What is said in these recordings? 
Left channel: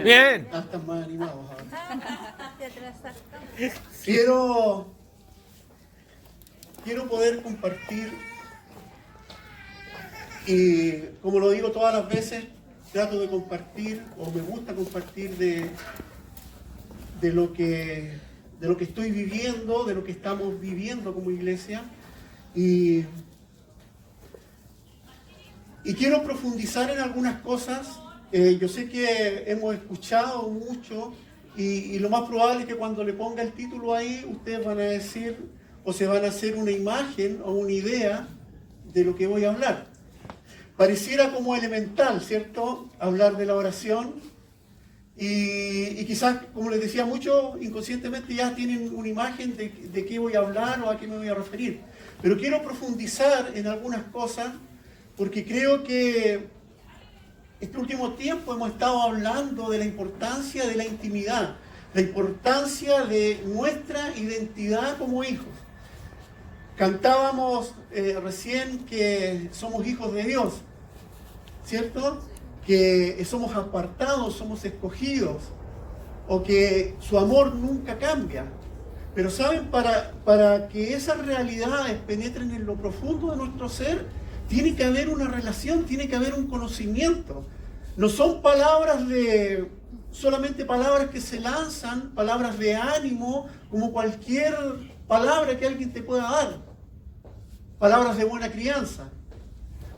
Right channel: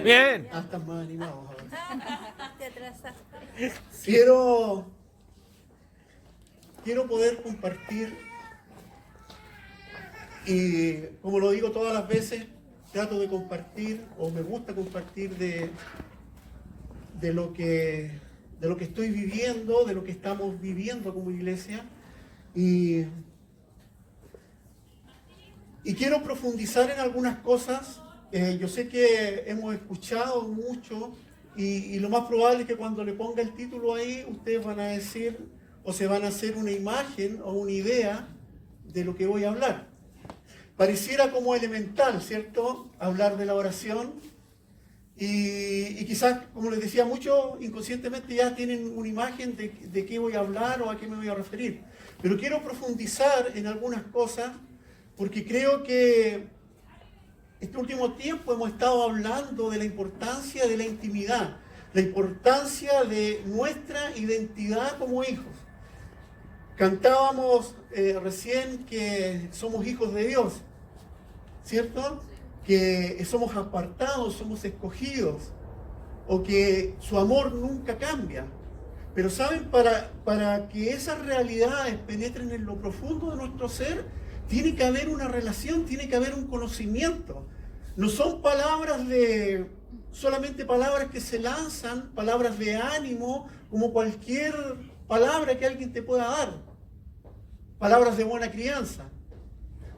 Bien. Están más animados ahora. Quiero poder compartir, y como lo digo todas las veces, trato de compartir, o me gusta compartir de lo que estoy viviendo, de lo que estamos viviendo como iglesia, y quiero profundizar en algunas cosas. Yo sé que hemos escuchado mucho y lo más probable es que cuando le ponga el título ahí, ustedes van a decir o se van a hacer una imagen o una idea de lo que voy a hablar. Pareciera como elemental, ¿cierto? Hablar de la oración y quizás, como les decía, muchos inconscientemente ya tienen una imagen de qué voy a hablar o a qué me voy a referir. Pero quiero profundizar en algunas cosas porque creo que este último tiempo hemos estado hablando de la importancia de la intimidad, la importancia de nuestra identidad como hijos. Cantábamos recién que somos hijos de Dios, ¿cierto? Que somos apartados, somos escogidos, o que su amor nunca cambia. Pero saben, para que esas realidades penetren en lo profundo de nuestro ser, tiene que haber una relación, tiene que haber un conocimiento. No son solamente palabras que se lanzan, palabras de ánimo, como cualquier palabra que alguien te pueda dar. Palabras de buena crianza.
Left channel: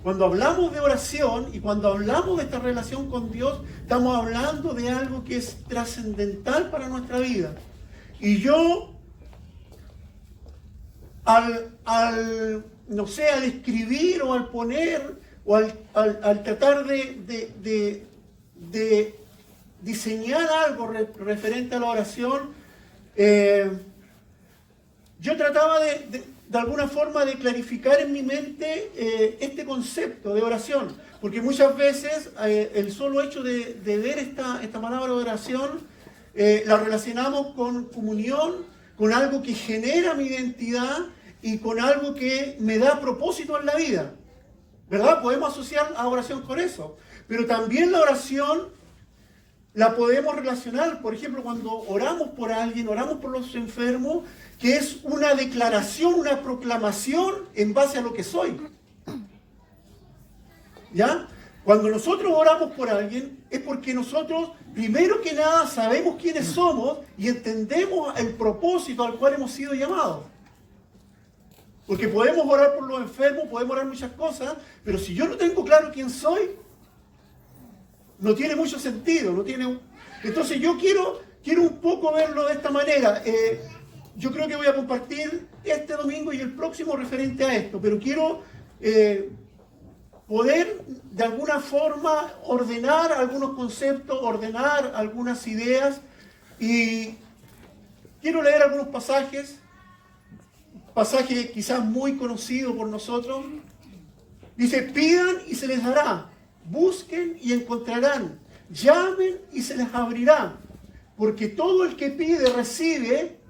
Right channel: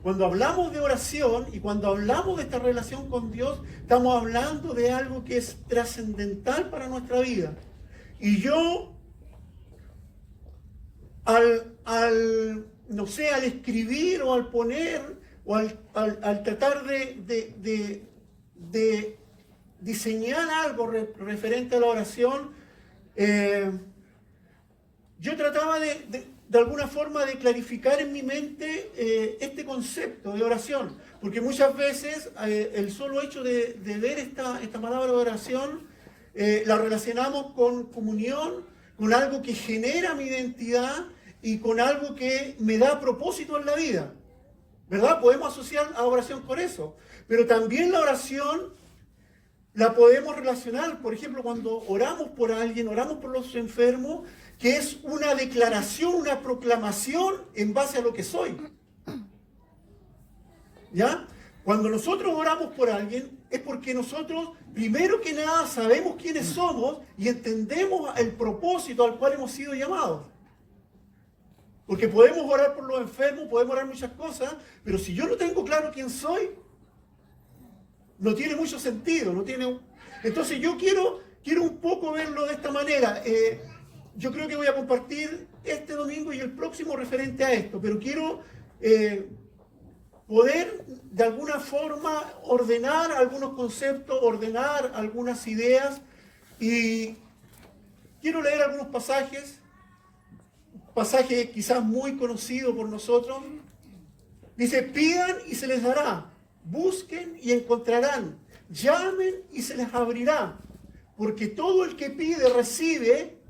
Cuando hablamos de oración y cuando hablamos de esta relación con Dios, estamos hablando de algo que es trascendental para nuestra vida. Y yo, al escribir o al poner o al tratar de diseñar algo referente a la oración, yo trataba de alguna forma de clarificar en mi mente este concepto de oración, porque muchas veces el solo hecho de ver esta palabra de oración la relacionamos con comunión, con algo que genera mi identidad y con algo que me da propósito en la vida, ¿verdad? Podemos asociar a oración con eso, pero también la oración la podemos relacionar, por ejemplo, cuando oramos por alguien, oramos por los enfermos, que es una declaración, una proclamación en base a lo que soy. ¿Ya? Cuando nosotros oramos por alguien, es porque nosotros, primero que nada, sabemos quiénes somos y entendemos el propósito al cual hemos sido llamados. Porque podemos orar por los enfermos, podemos orar muchas cosas, pero si yo no tengo claro quién soy, no tiene mucho sentido. Entonces yo quiero un poco verlo de esta manera. Yo creo que voy a compartir este domingo y el próximo referente a esto, pero quiero poder de alguna forma ordenar algunos conceptos, ordenar algunas ideas, y quiero leer algunos pasajes quizás muy conocidos por nosotros. Dice: pidan y se les dará, busquen y encontrarán, llamen y se les abrirá, porque todo el que pide recibe,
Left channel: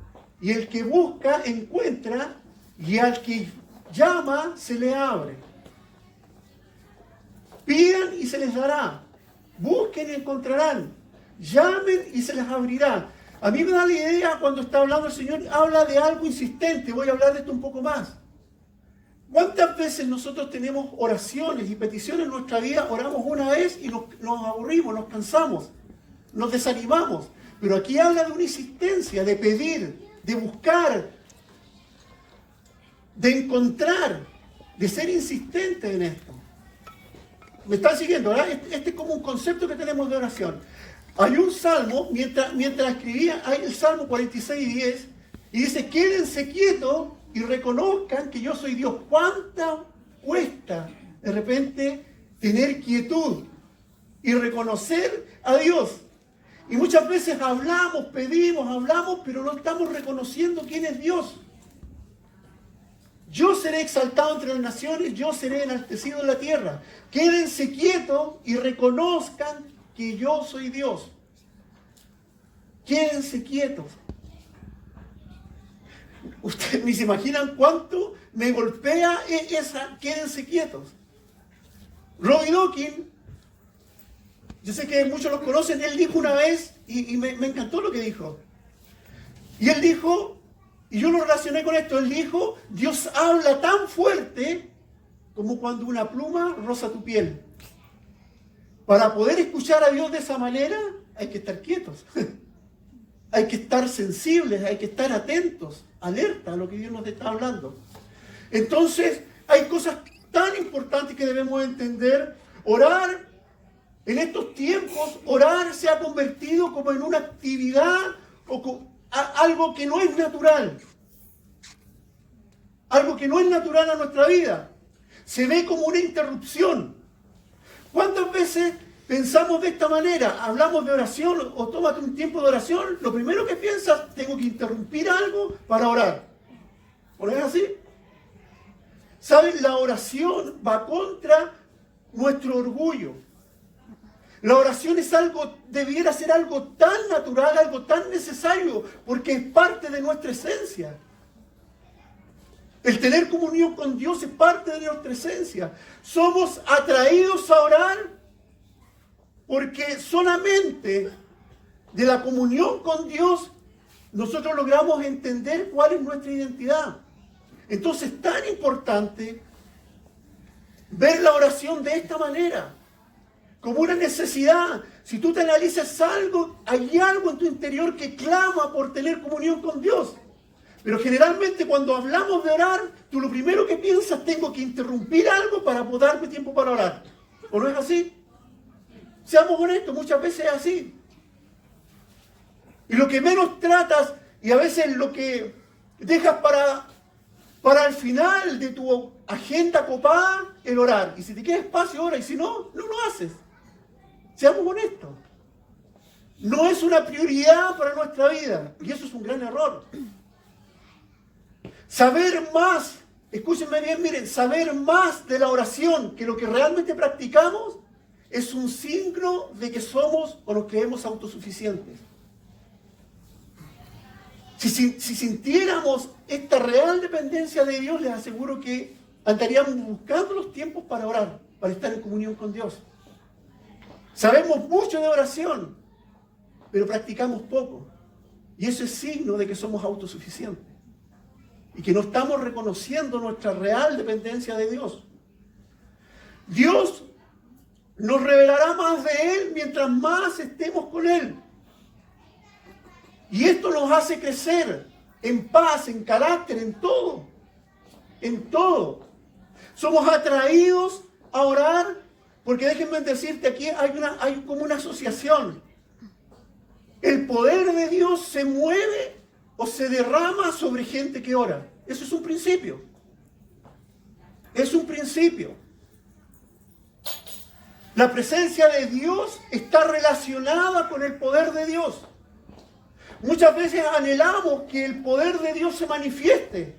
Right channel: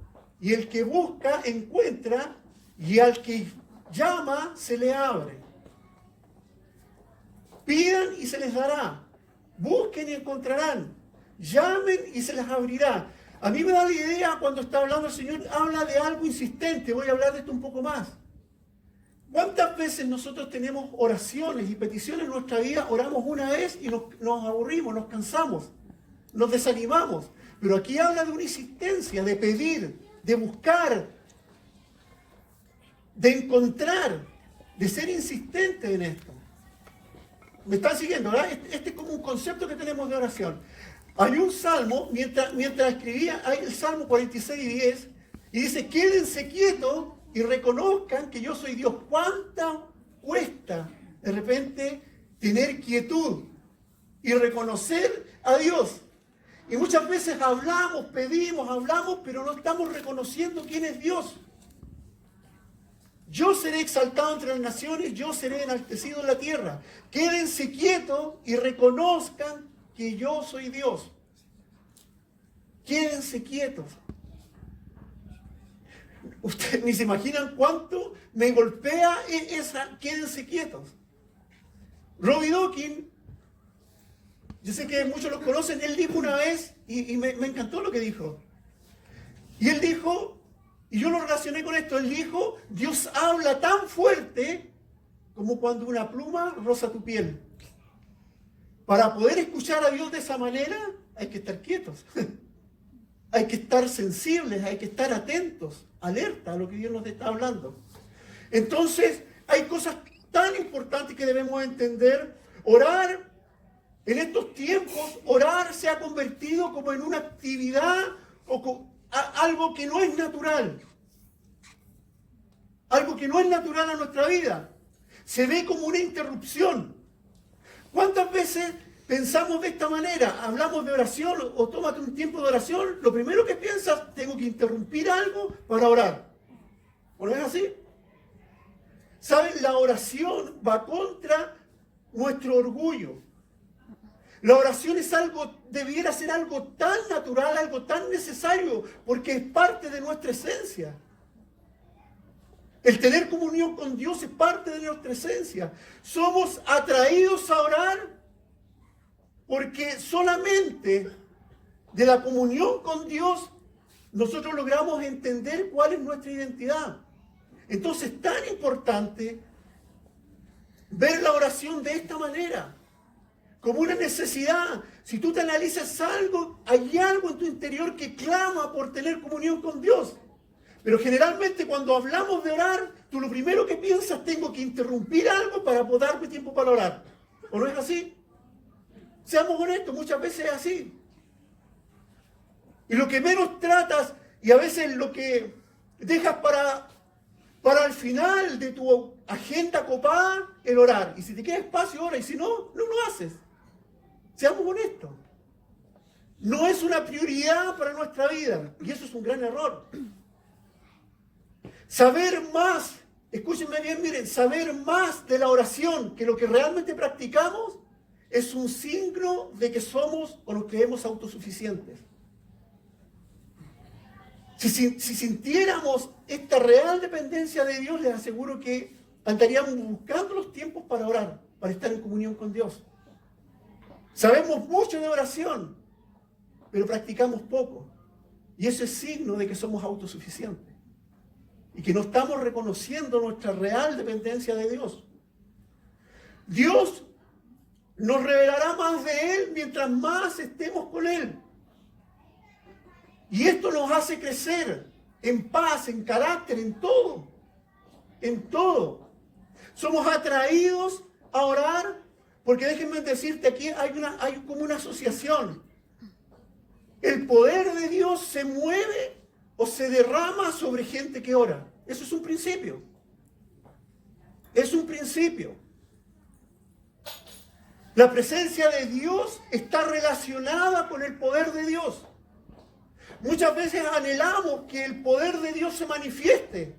y el que busca encuentra, y al que llama se le abre. Pidan y se les dará, busquen y encontrarán, llamen y se les abrirá. A mí me da la idea, cuando está hablando el Señor, habla de algo insistente. Voy a hablar de esto un poco más. ¿Cuántas veces nosotros tenemos oraciones y peticiones en nuestra vida? Oramos una vez y nos aburrimos, nos cansamos, nos desanimamos. Pero aquí habla de una insistencia, de pedir, de buscar, de encontrar, de ser insistente en esto. ¿Me están siguiendo, verdad? Este es como un concepto que tenemos de oración. Hay un salmo, mientras escribía, hay el Salmo 46:10, y dice: quédense quietos y reconozcan que yo soy Dios. ¿Cuánto cuesta de repente tener quietud y reconocer a Dios? Y muchas veces hablamos, pedimos, pero no estamos reconociendo quién es Dios. Yo seré exaltado entre las naciones, yo seré enaltecido en la tierra. Quédense quietos y reconozcan que yo soy Dios. Quédense quietos. Ustedes ni se imaginan cuánto me golpea esa quédense quietos. Robbie Dawkins yo sé que muchos los conocen, él dijo una vez, y me encantó lo que dijo. Y él dijo, y yo lo relacioné con esto, él dijo, Dios habla tan fuerte como cuando una pluma roza tu piel. Para poder escuchar a Dios de esa manera, hay que estar quietos. Hay que estar sensibles, hay que estar atentos, alerta a lo que Dios nos está hablando. Entonces, hay cosas tan importantes que debemos entender. Orar, en estos tiempos, orar se ha convertido como en una actividad o algo que no es natural. Algo que no es natural a nuestra vida. Se ve como una interrupción. ¿Cuántas veces pensamos de esta manera? Hablamos de oración o tómate un tiempo de oración. Lo primero que piensas, tengo que interrumpir algo para orar. ¿No es así? ¿Saben? La oración va contra nuestro orgullo. La oración es algo, debiera ser algo tan natural, algo tan necesario, porque es parte de nuestra esencia. El tener comunión con Dios es parte de nuestra esencia. Somos atraídos a orar porque solamente de la comunión con Dios nosotros logramos entender cuál es nuestra identidad. Entonces es tan importante ver la oración de esta manera, como una necesidad. Si tú te analizas algo, hay algo en tu interior que clama por tener comunión con Dios. Pero generalmente cuando hablamos de orar, tú lo primero que piensas, tengo que interrumpir algo para poder darme tiempo para orar. ¿O no es así? Seamos honestos, muchas veces es así. Y lo que menos tratas, y a veces lo que dejas para el final de tu agenda copada, el orar. Y si te queda espacio, ora, y si no, no lo haces. Seamos honestos. No es una prioridad para nuestra vida, y eso es un gran error. Saber más, escúchenme bien, miren, saber más de la oración que lo que realmente practicamos es un signo de que somos o nos creemos autosuficientes. Si sintiéramos esta real dependencia de Dios, les aseguro que andaríamos buscando los tiempos para orar, para estar en comunión con Dios. Sabemos mucho de oración, pero practicamos poco. Y eso es signo de que somos autosuficientes. Y que no estamos reconociendo nuestra real dependencia de Dios. Dios nos revelará más de Él mientras más estemos con Él. Y esto nos hace crecer en paz, en carácter, en todo. En todo. Somos atraídos a orar porque déjenme decirte, aquí hay como una asociación. El poder de Dios se mueve o se derrama sobre gente que ora. Eso es un principio. Es un principio. La presencia de Dios está relacionada con el poder de Dios. Muchas veces anhelamos que el poder de Dios se manifieste,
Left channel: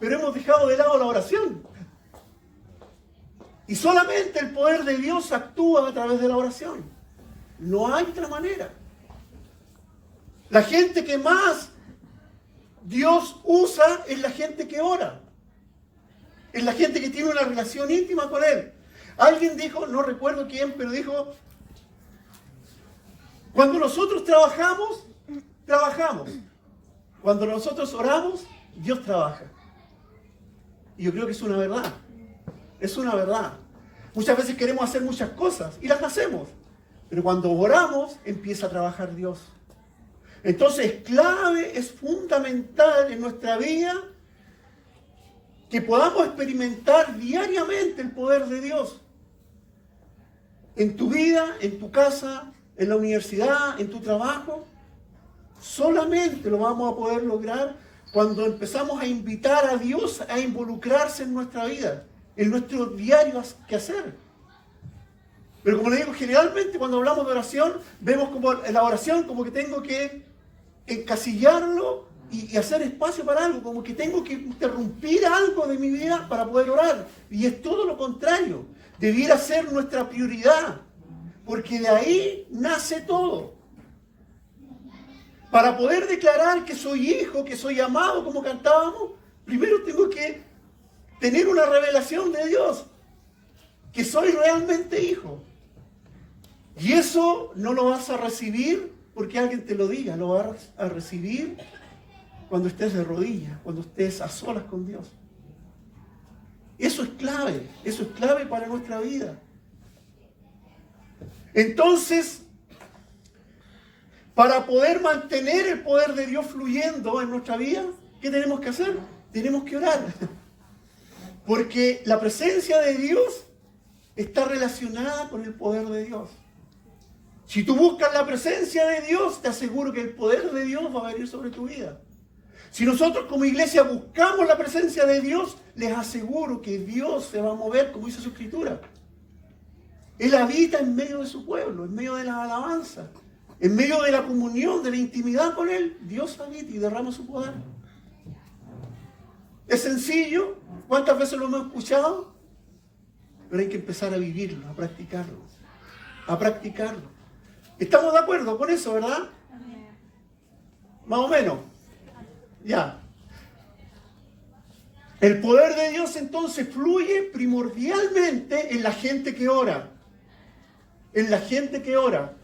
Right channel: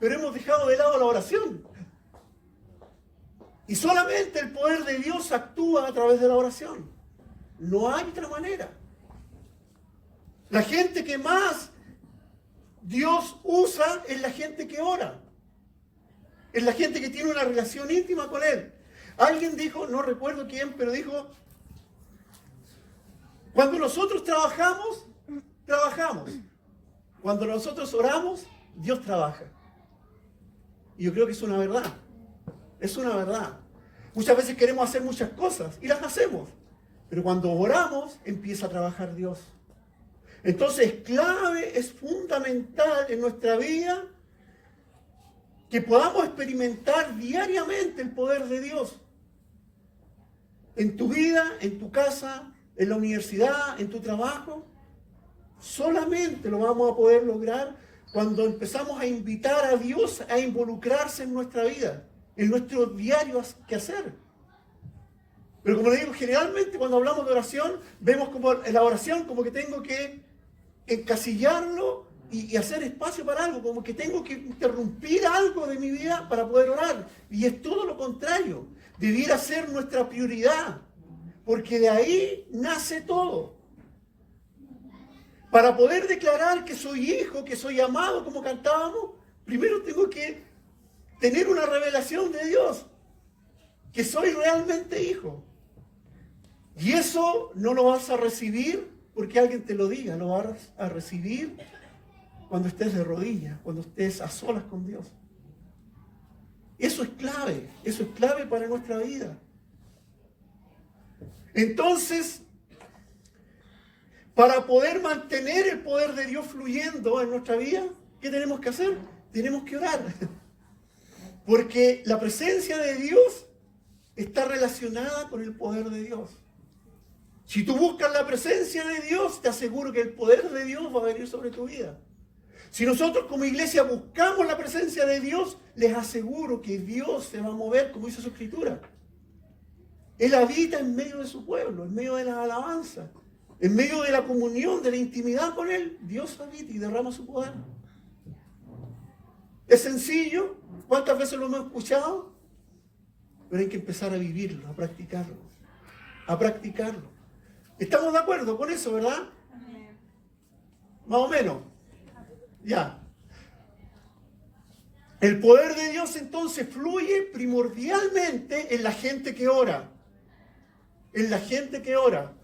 pero hemos dejado de lado la oración. Y solamente el poder de Dios actúa a través de la oración. No hay otra manera. La gente que más Dios usa es la gente que ora. Es la gente que tiene una relación íntima con Él. Alguien dijo, no recuerdo quién, pero dijo, cuando nosotros trabajamos, trabajamos. Cuando nosotros oramos, Dios trabaja. Y yo creo que es una verdad. Es una verdad. Muchas veces queremos hacer muchas cosas y las hacemos. Pero cuando oramos, empieza a trabajar Dios. Entonces es clave, es fundamental en nuestra vida que podamos experimentar diariamente el poder de Dios. En tu vida, en tu casa, en la universidad, en tu trabajo. Solamente lo vamos a poder lograr cuando empezamos a invitar a Dios a involucrarse en nuestra vida, en nuestro diario quehacer. Pero como le digo, generalmente cuando hablamos de oración, vemos como en la oración como que tengo que encasillarlo y hacer espacio para algo, como que tengo que interrumpir algo de mi vida para poder orar. Y es todo lo contrario. Debiera ser nuestra prioridad, porque de ahí nace todo. Para poder declarar que soy hijo, que soy amado, como cantábamos, primero tengo que tener una revelación de Dios, que soy realmente hijo. Y eso no lo vas a recibir porque alguien te lo diga, lo vas a recibir cuando estés de rodillas, cuando estés a solas con Dios. Eso es clave para nuestra vida. Entonces, para poder mantener el poder de Dios fluyendo en nuestra vida, ¿qué tenemos que hacer? Tenemos que orar. Porque la presencia de Dios está relacionada con el poder de Dios. Si tú buscas la presencia de Dios, te aseguro que el poder de Dios va a venir sobre tu vida. Si nosotros como iglesia buscamos la presencia de Dios, les aseguro que Dios se va a mover, como dice su Escritura. Él habita en medio de su pueblo, en medio de la alabanza, en medio de la comunión, de la intimidad con Él. Dios habita y derrama su poder. Es sencillo. ¿Cuántas veces lo hemos escuchado? Pero hay que empezar a vivirlo, a practicarlo. A practicarlo. ¿Estamos de acuerdo con eso, verdad? Más o menos. Ya. El poder de Dios entonces fluye primordialmente en la gente que ora. En la gente que ora.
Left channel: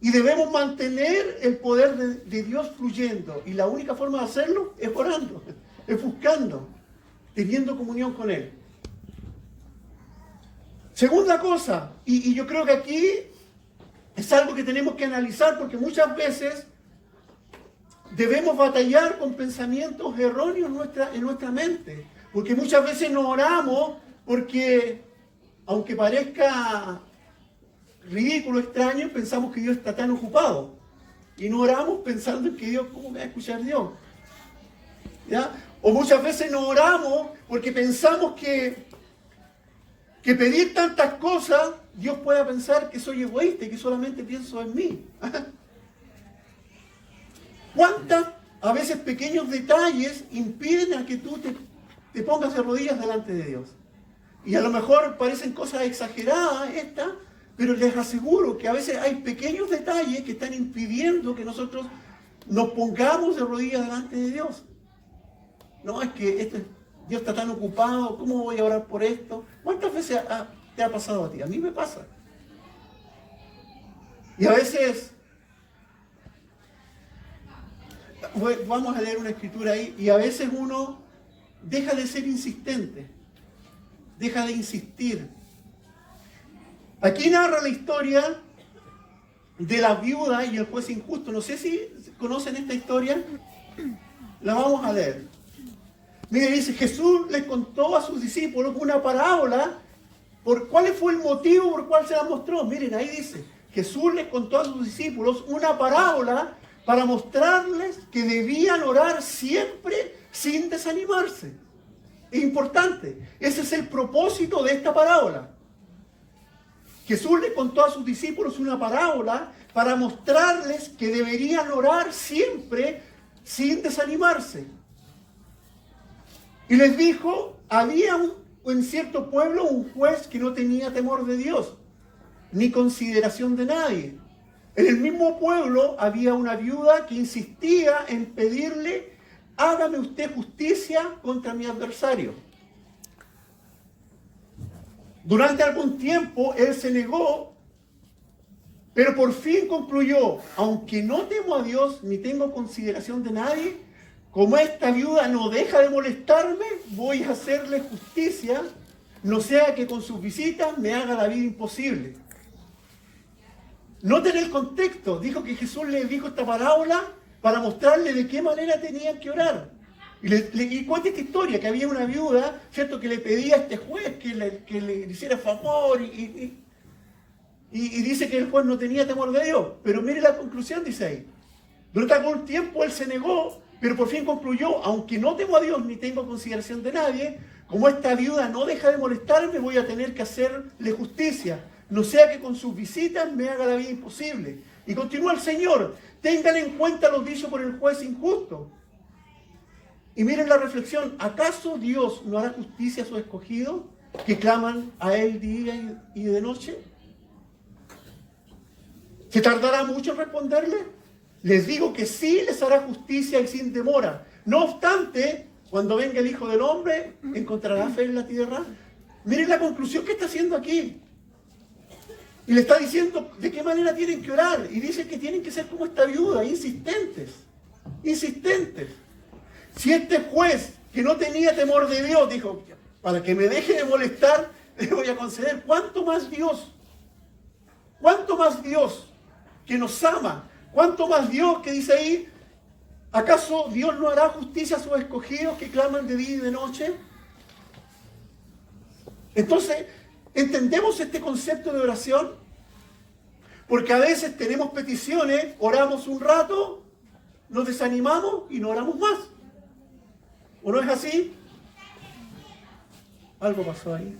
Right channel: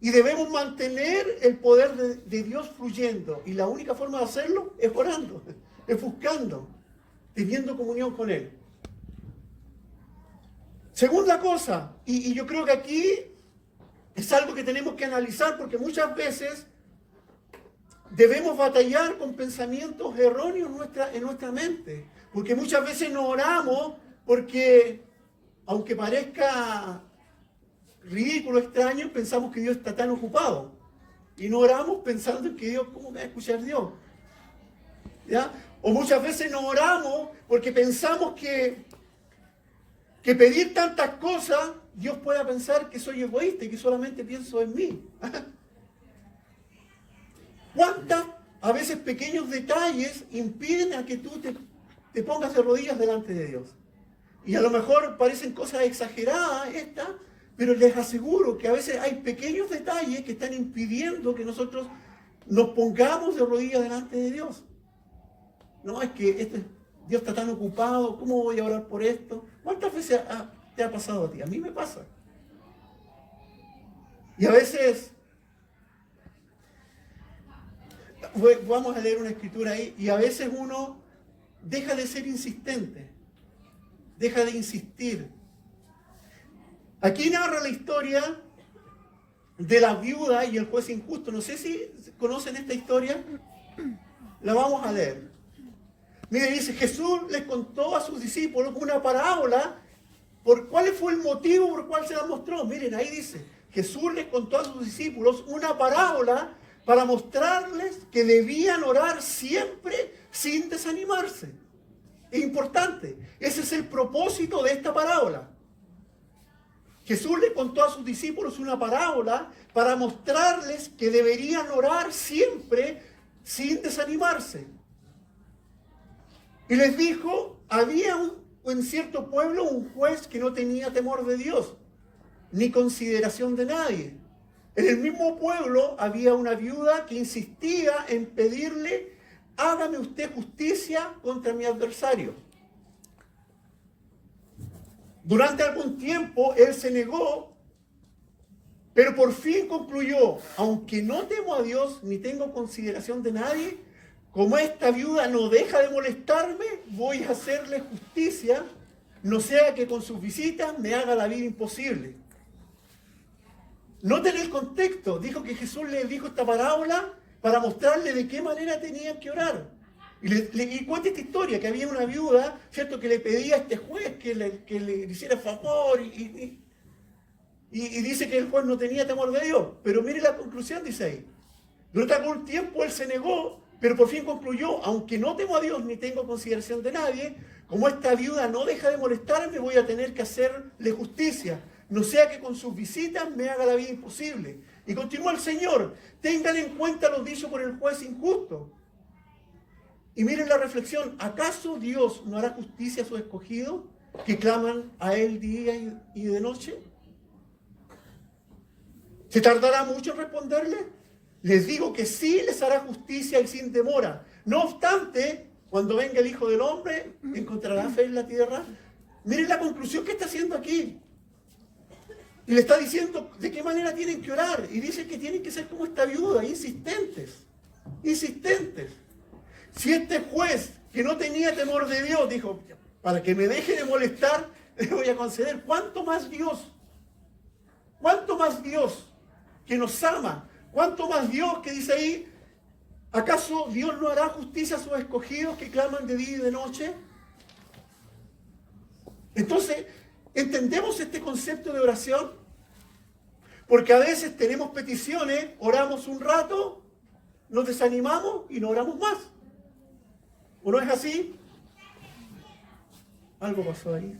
Y debemos mantener el poder de Dios fluyendo. Y la única forma de hacerlo es orando, es buscando, teniendo comunión con Él. Segunda cosa, y yo creo que aquí es algo que tenemos que analizar porque muchas veces debemos batallar con pensamientos erróneos en nuestra mente. Porque muchas veces no oramos porque, aunque parezca ridículo, extraño, pensamos que Dios está tan ocupado. Y no oramos pensando en que Dios, ¿cómo me va a escuchar Dios? ¿Ya? O muchas veces no oramos porque pensamos que pedir tantas cosas, Dios pueda pensar que soy egoísta y que solamente pienso en mí. ¿Cuántos, a veces, pequeños detalles impiden a que tú te pongas de rodillas delante de Dios? Y a lo mejor parecen cosas exageradas estas, pero les aseguro que a veces hay pequeños detalles que están impidiendo que nosotros nos pongamos de rodillas delante de Dios. No, es que Dios está tan ocupado, ¿cómo voy a orar por esto? ¿Cuántas veces te ha pasado a ti? A mí me pasa. Y a veces, vamos a leer una escritura ahí, y a veces uno deja de ser insistente, deja de insistir. Aquí narra la historia de la viuda y el juez injusto. No sé si conocen esta historia. La vamos a leer. Mire, dice, Jesús les contó a sus discípulos una parábola. ¿Cuál fue el motivo por el cual se la mostró? Miren, ahí dice, Jesús les contó a sus discípulos una parábola para mostrarles que debían orar siempre sin desanimarse. Es importante. Ese es el propósito de esta parábola. Jesús les contó a sus discípulos una parábola para mostrarles que deberían orar siempre sin desanimarse. Y les dijo, había en cierto pueblo un juez que no tenía temor de Dios, ni consideración de nadie. En el mismo pueblo había una viuda que insistía en pedirle, hágame usted justicia contra mi adversario. Durante algún tiempo él se negó, pero por fin concluyó, aunque no temo a Dios ni tengo consideración de nadie, como esta viuda no deja de molestarme, voy a hacerle justicia, no sea que con sus visitas me haga la vida imposible. Noten el contexto, dijo que Jesús le dijo esta parábola para mostrarle de qué manera tenían que orar. Y cuenta esta historia, que había una viuda, ¿cierto?, que le pedía a este juez que le hiciera favor y dice que el juez no tenía temor de Dios. Pero mire la conclusión, dice ahí. Durante algún tiempo él se negó, pero por fin concluyó, aunque no temo a Dios ni tengo consideración de nadie, como esta viuda no deja de molestarme, voy a tener que hacerle justicia, no sea que con sus visitas me haga la vida imposible. Y continúa el Señor, tengan en cuenta lo dicho por el juez injusto. Y miren la reflexión, ¿acaso Dios no hará justicia a sus escogidos que claman a Él día y de noche? ¿Se tardará mucho en responderle? Les digo que sí les hará justicia y sin demora. No obstante, cuando venga el Hijo del Hombre, ¿encontrará fe en la tierra? Miren la conclusión que está haciendo aquí. Y le está diciendo de qué manera tienen que orar. Y dice que tienen que ser como esta viuda, insistentes. Insistentes. Si este juez que no tenía temor de Dios dijo, para que me deje de molestar, le voy a conceder, ¿cuánto más Dios? ¿Cuánto más Dios que nos ama? ¿Cuánto más Dios que dice ahí, acaso Dios no hará justicia a sus escogidos que claman de día y de noche? Entonces, ¿entendemos este concepto de oración? Porque a veces tenemos peticiones, oramos un rato, nos desanimamos y no oramos más. ¿O no es así? Algo pasó ahí.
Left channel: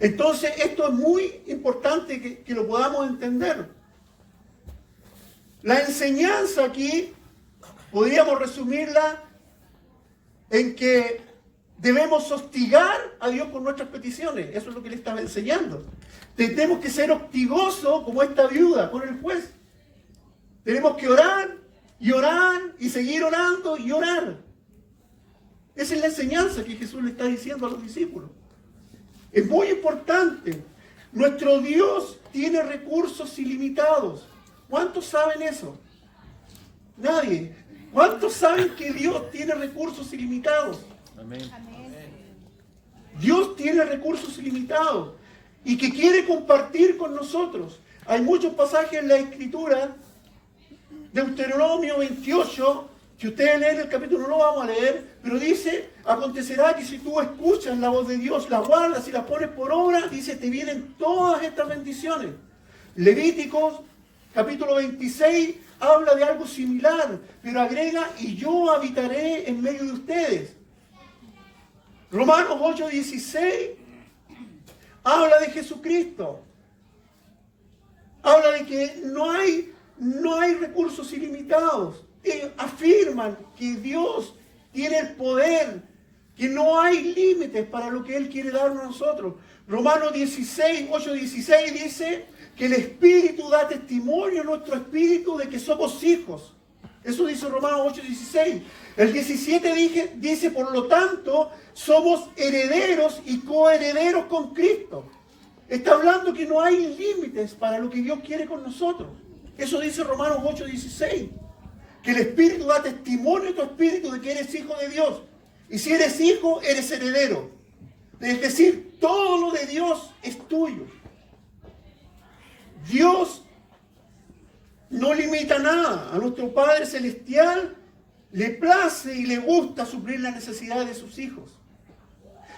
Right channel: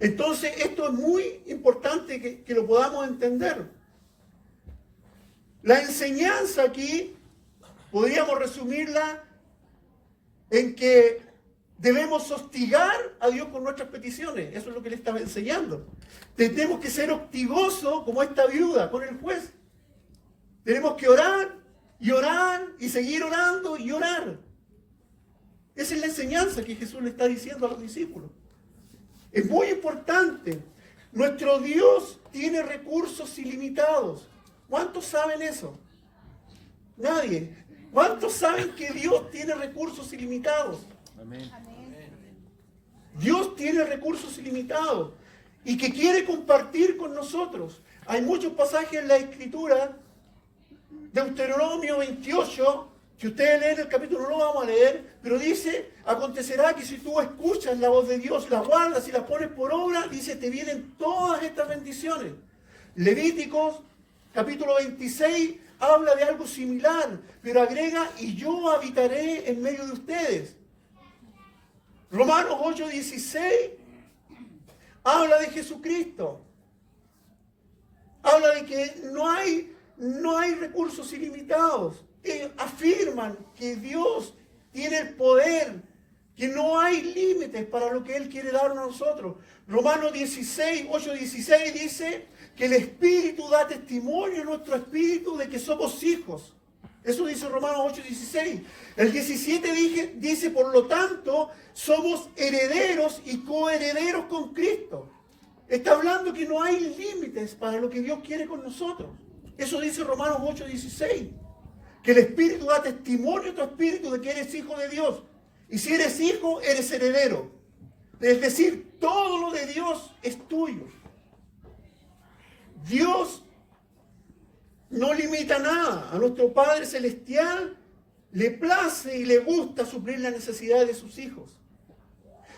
Entonces, esto es muy importante que lo podamos entender. La enseñanza aquí, podríamos resumirla en que debemos hostigar a Dios con nuestras peticiones. Eso es lo que le estaba enseñando. Tenemos que ser hostigosos como esta viuda con el juez. Tenemos que orar y orar y seguir orando y orar. Esa es la enseñanza que Jesús le está diciendo a los discípulos. Es muy importante. Nuestro Dios tiene recursos ilimitados. ¿Cuántos saben eso? Nadie. ¿Cuántos saben que Dios tiene recursos ilimitados? Amén. Dios tiene recursos ilimitados y que quiere compartir con nosotros. Hay muchos pasajes en la Escritura, Deuteronomio 28, que ustedes leen el capítulo, no lo vamos a leer, pero dice, acontecerá que si tú escuchas la voz de Dios, la guardas y la pones por obra, dice, te vienen todas estas bendiciones. Levíticos, capítulo 26, habla de algo similar, pero agrega, y yo habitaré en medio de ustedes. Romanos 8:16 habla de Jesucristo. Habla de que no hay recursos ilimitados. Afirman que Dios tiene el poder, que no hay límites para lo que Él quiere darnos a nosotros. Romanos 8:16 dice que el Espíritu da testimonio a nuestro espíritu de que somos hijos. Eso dice Romanos 8:16. El 17 dice, por lo tanto, somos herederos y coherederos con Cristo. Está hablando que no hay límites para lo que Dios quiere con nosotros. Eso dice Romanos 8:16. Que el Espíritu da testimonio a tu espíritu de que eres hijo de Dios. Y si eres hijo, eres heredero. Es decir, todo lo de Dios es tuyo. Dios no limita nada. A nuestro Padre Celestial le place y le gusta suplir las necesidades de sus hijos.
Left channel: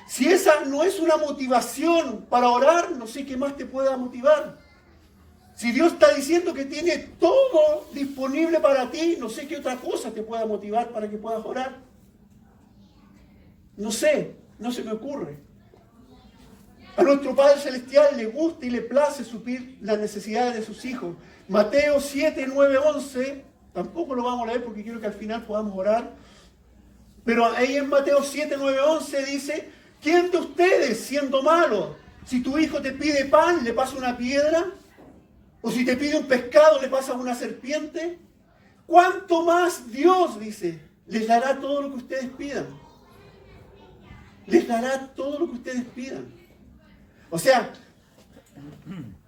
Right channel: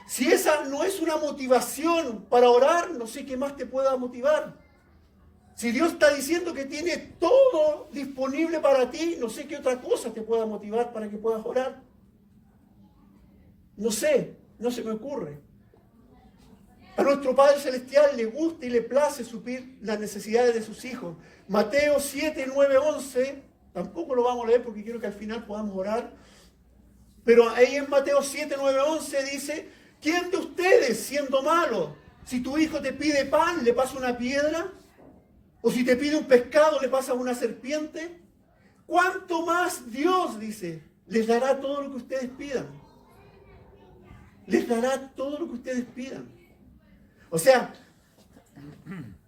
Si esa no es una motivación para orar, no sé qué más te pueda motivar. Si Dios está diciendo que tiene todo disponible para ti, no sé qué otra cosa te pueda motivar para que puedas orar. No sé, no se me ocurre. A nuestro Padre Celestial le gusta y le place suplir las necesidades de sus hijos. Mateo 7, 9, 11, tampoco lo vamos a leer porque quiero que al final podamos orar. Pero ahí en Mateo 7, 9, 11 dice, ¿quién de ustedes, siendo malo, si tu hijo te pide pan, le pasa una piedra? ¿O si te pide un pescado, le pasa una serpiente? ¿Cuánto más Dios, dice, les dará todo lo que ustedes pidan? Les dará todo lo que ustedes pidan. O sea,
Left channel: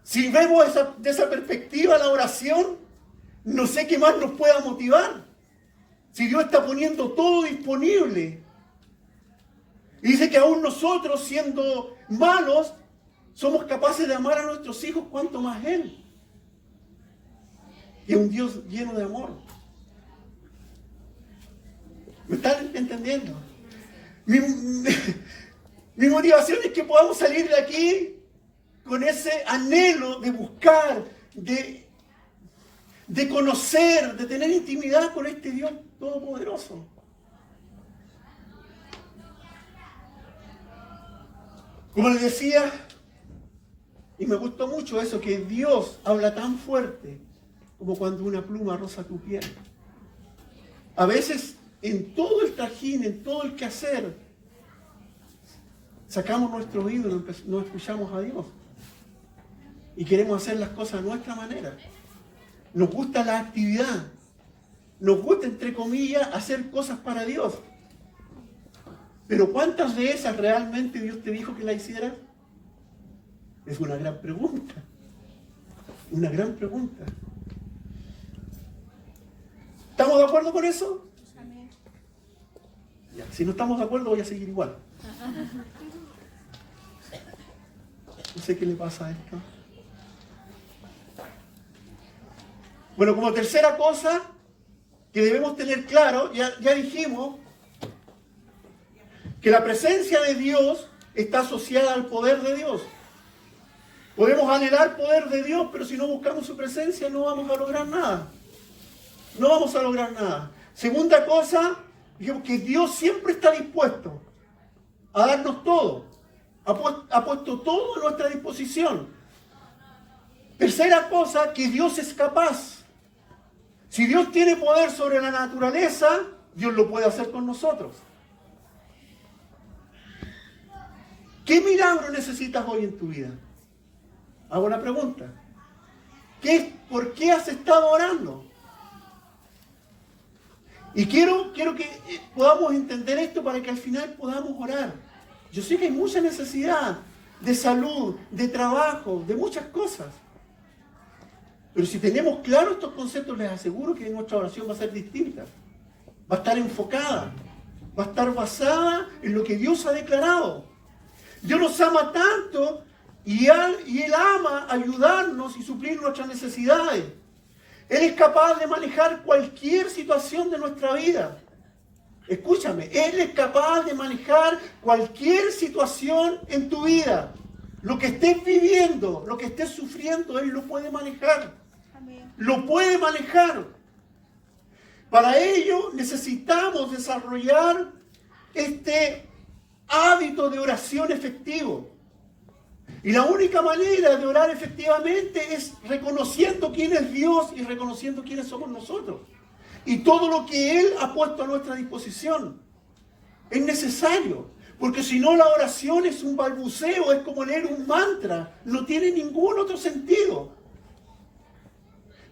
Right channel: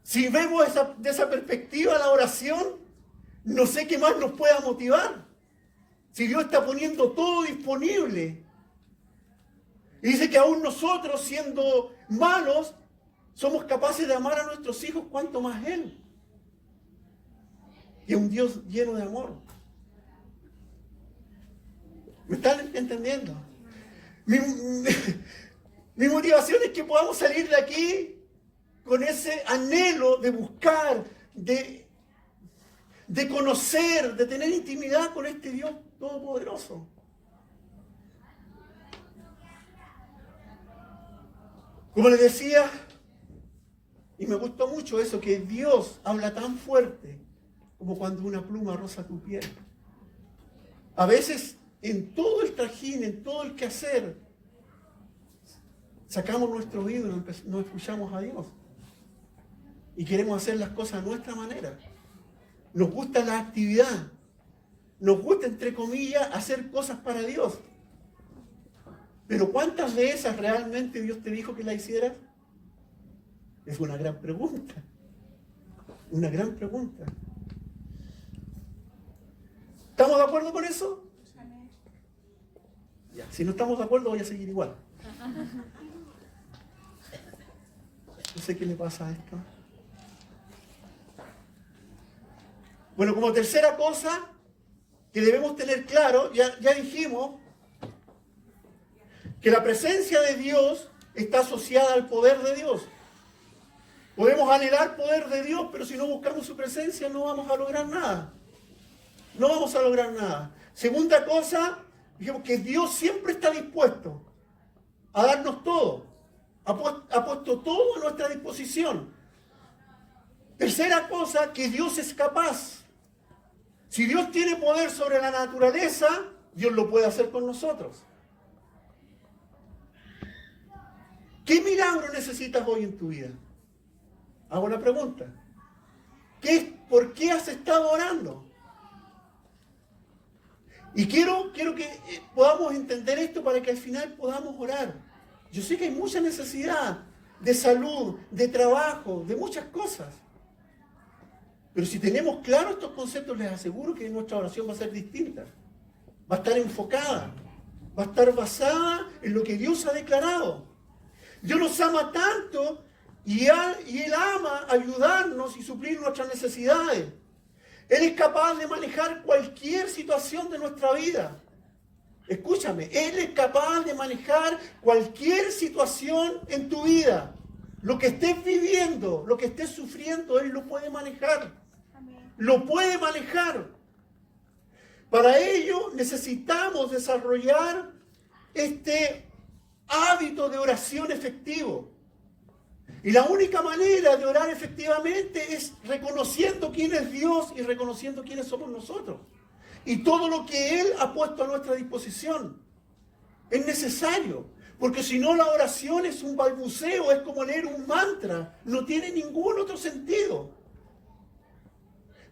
si vemos de esa perspectiva la oración, no sé qué más nos pueda motivar. Si Dios está poniendo todo disponible. Y dice que aún nosotros, siendo malos, somos capaces de amar a nuestros hijos, cuanto más Él. Que es un Dios lleno de amor. ¿Me están entendiendo? Mi motivación es que podamos salir de aquí con ese anhelo de buscar, de conocer, de tener intimidad con este Dios todopoderoso. Como les decía, y me gustó mucho eso, que Dios habla tan fuerte como cuando una pluma roza tu piel. A veces, en todo el trajín, en todo el quehacer, sacamos nuestro oído y no escuchamos a Dios. Y queremos hacer las cosas a nuestra manera. Nos gusta la actividad. Nos gusta, entre comillas, hacer cosas para Dios. Pero ¿cuántas de esas realmente Dios te dijo que la hicieras? Es una gran pregunta. Una gran pregunta. ¿Estamos de acuerdo con eso? Ya, si no estamos de acuerdo voy a seguir igual. No sé qué le pasa a esto. Bueno, como tercera cosa que debemos tener claro, ya dijimos que la presencia de Dios está asociada al poder de Dios. Podemos anhelar poder de Dios, pero si no buscamos su presencia no vamos a lograr nada. No vamos a lograr nada. Segunda cosa, dijimos que Dios siempre está dispuesto a darnos todo. Ha puesto todo a nuestra disposición. Tercera cosa, que Dios es capaz. Si Dios tiene poder sobre la naturaleza, Dios lo puede hacer con nosotros. ¿Qué milagro necesitas hoy en tu vida? Hago la pregunta. ¿Por qué has estado orando? Y quiero que podamos entender esto para que al final podamos orar. Yo sé que hay mucha necesidad de salud, de trabajo, de muchas cosas. Pero si tenemos claros estos conceptos, les aseguro que nuestra oración va a ser distinta. Va a estar enfocada. Va a estar basada en lo que Dios ha declarado. Dios nos ama tanto y Él ama ayudarnos y suplir nuestras necesidades. Él es capaz de manejar cualquier situación de nuestra vida. Escúchame, Él es capaz de manejar cualquier situación en tu vida. Lo que estés viviendo, lo que estés sufriendo, Él lo puede manejar. Amén. Lo puede manejar. Para ello necesitamos desarrollar este hábito de oración efectivo. Y la única manera de orar efectivamente es reconociendo quién es Dios y reconociendo quiénes somos nosotros. Y todo lo que Él ha puesto a nuestra disposición. Es necesario. Porque si no, la oración es un balbuceo, es como leer un mantra. No tiene ningún otro sentido.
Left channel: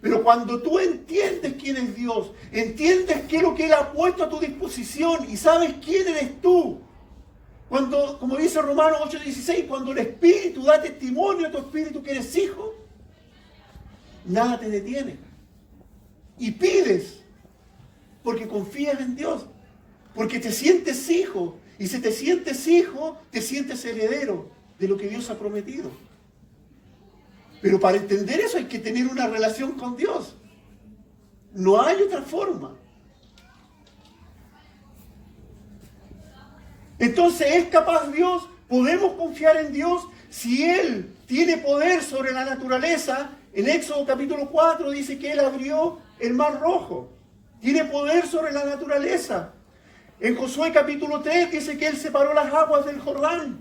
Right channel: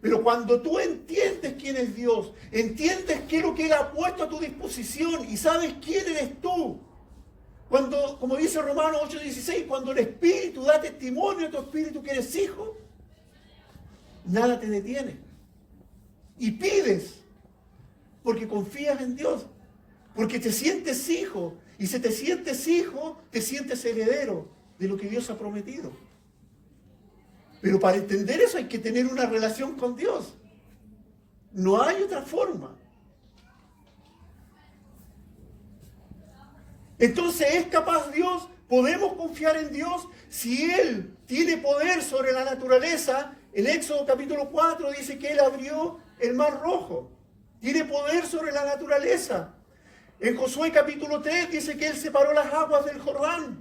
Pero cuando tú entiendes quién es Dios, entiendes qué es lo que Él ha puesto a tu disposición y sabes quién eres tú, cuando, como dice Romanos 8:16, cuando el Espíritu da testimonio a tu espíritu que eres hijo, nada te detiene. Y pides, porque confías en Dios, porque te sientes hijo, y si te sientes hijo, te sientes heredero de lo que Dios ha prometido. Pero para entender eso hay que tener una relación con Dios. No hay otra forma. Entonces, ¿es capaz Dios? ¿Podemos confiar en Dios? Si Él tiene poder sobre la naturaleza, en Éxodo capítulo 4 dice que Él abrió el mar rojo. Tiene poder sobre la naturaleza. En Josué capítulo 3 dice que Él separó las aguas del Jordán.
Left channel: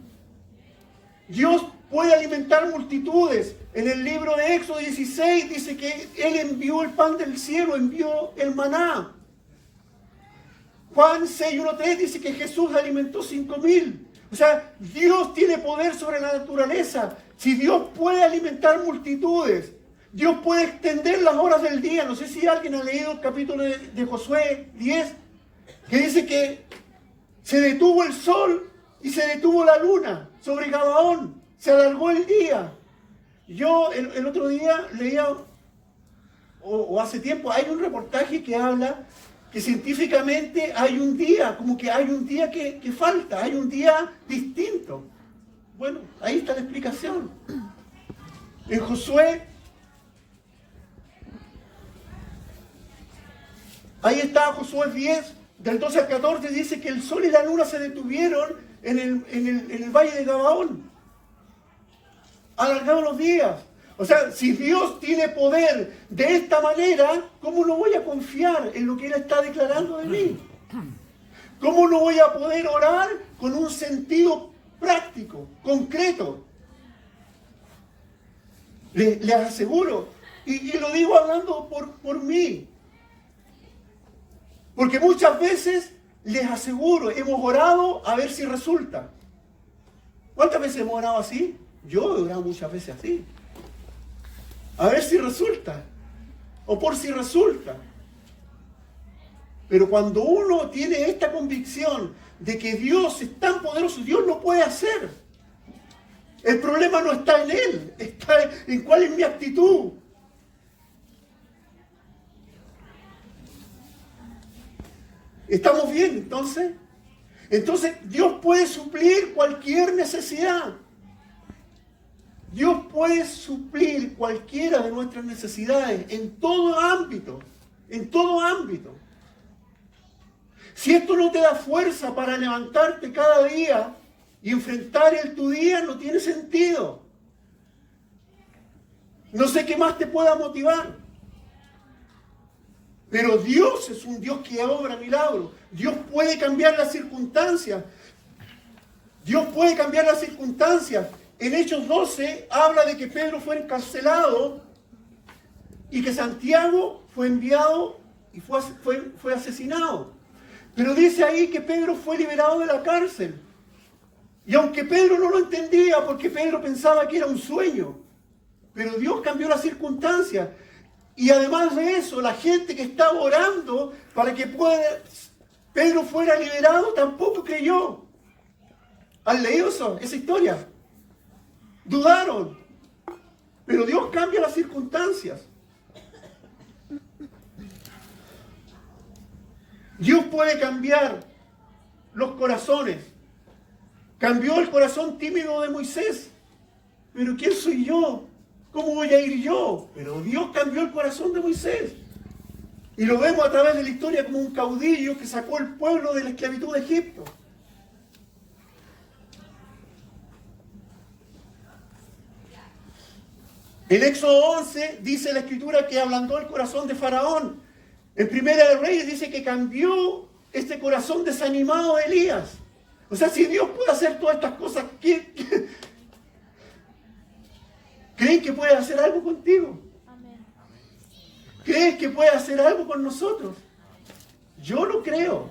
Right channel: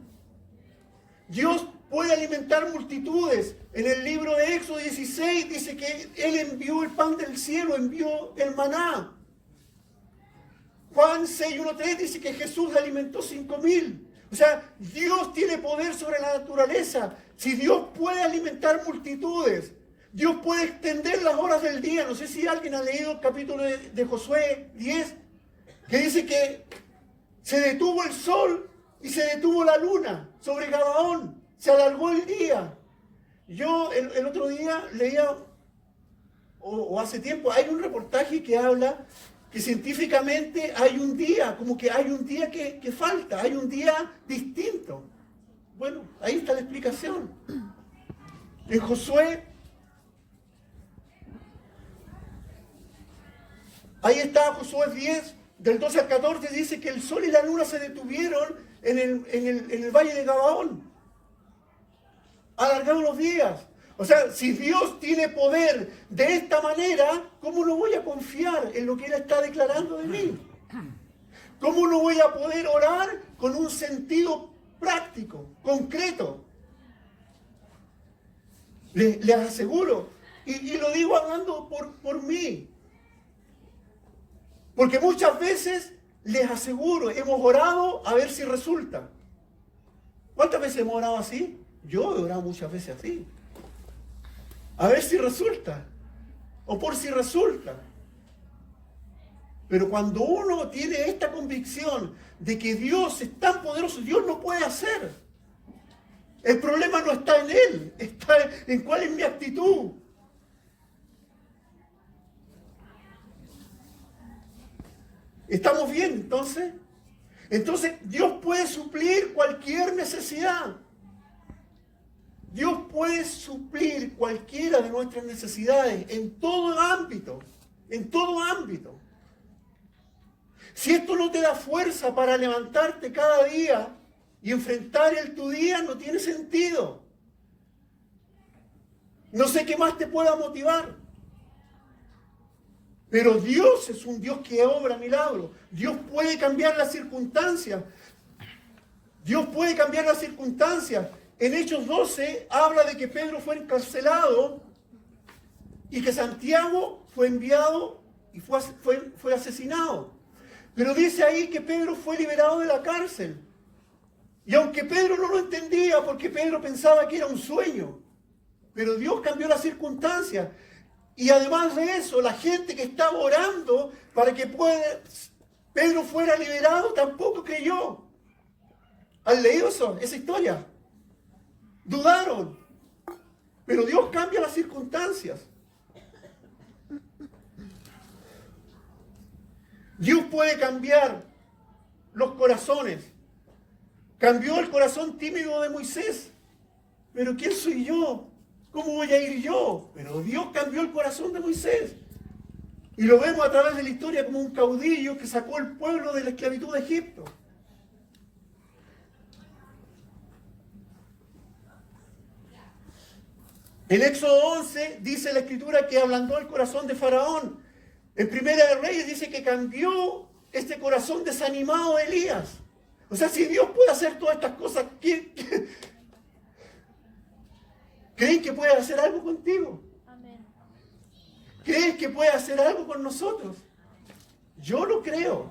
Dios puede alimentar multitudes. En el libro de Éxodo 16 dice que Él envió el pan del cielo, envió el maná. Juan 6:1-3 dice que Jesús alimentó 5,000. O sea, Dios tiene poder sobre la naturaleza. Si Dios puede alimentar multitudes, Dios puede extender las horas del día. No sé si alguien ha leído el capítulo de Josué 10, que dice que se detuvo el sol y se detuvo la luna sobre Gabaón. Se alargó el día. Yo el otro día leía, o hace tiempo, hay un reportaje que habla que científicamente hay un día, como que hay un día que falta, hay un día distinto. Bueno, ahí está la explicación. En Josué, ahí está Josué 10, del 12 al 14, dice que el sol y la luna se detuvieron en el valle de Gabaón. Alargaron los días. O sea, si Dios tiene poder de esta manera, ¿cómo no voy a confiar en lo que Él está declarando de mí? ¿Cómo no voy a poder orar con un sentido práctico, concreto? Les aseguro, y lo digo hablando por mí, porque muchas veces, les aseguro, hemos orado a ver si resulta. ¿Cuántas veces hemos orado así? Yo he orado muchas veces así. A ver si resulta. O por si resulta. Pero cuando uno tiene esta convicción de que Dios es tan poderoso, Dios lo puede hacer. El problema no está en Él, está en cuál es mi actitud. ¿Estamos bien entonces? Entonces Dios puede suplir cualquier necesidad. Dios puede suplir cualquiera de nuestras necesidades en todo ámbito, en todo ámbito. Si esto no te da fuerza para levantarte cada día y enfrentar tu día, no tiene sentido. No sé qué más te pueda motivar. Pero Dios es un Dios que obra milagros. Dios puede cambiar las circunstancias. Dios puede cambiar las circunstancias. En Hechos 12 habla de que Pedro fue encarcelado y que Santiago fue enviado y fue asesinado. Pero dice ahí que Pedro fue liberado de la cárcel. Y aunque Pedro no lo entendía, porque Pedro pensaba que era un sueño, pero Dios cambió las circunstancias. Y además de eso, la gente que estaba orando para que Pedro fuera liberado tampoco creyó. ¿Han leído esa historia? Dudaron. Pero Dios cambia las circunstancias. Dios puede cambiar los corazones. Cambió el corazón tímido de Moisés. Pero ¿quién soy yo? ¿Cómo voy a ir yo? Pero Dios cambió el corazón de Moisés. Y lo vemos a través de la historia como un caudillo que sacó el pueblo de la esclavitud de Egipto. En Éxodo 11 dice la Escritura que ablandó el corazón de Faraón. En Primera de Reyes dice que cambió este corazón desanimado de Elías. O sea, si Dios puede hacer todas estas cosas, ¿creen que puede hacer algo contigo? ¿Crees que puede hacer algo con nosotros? Yo lo creo.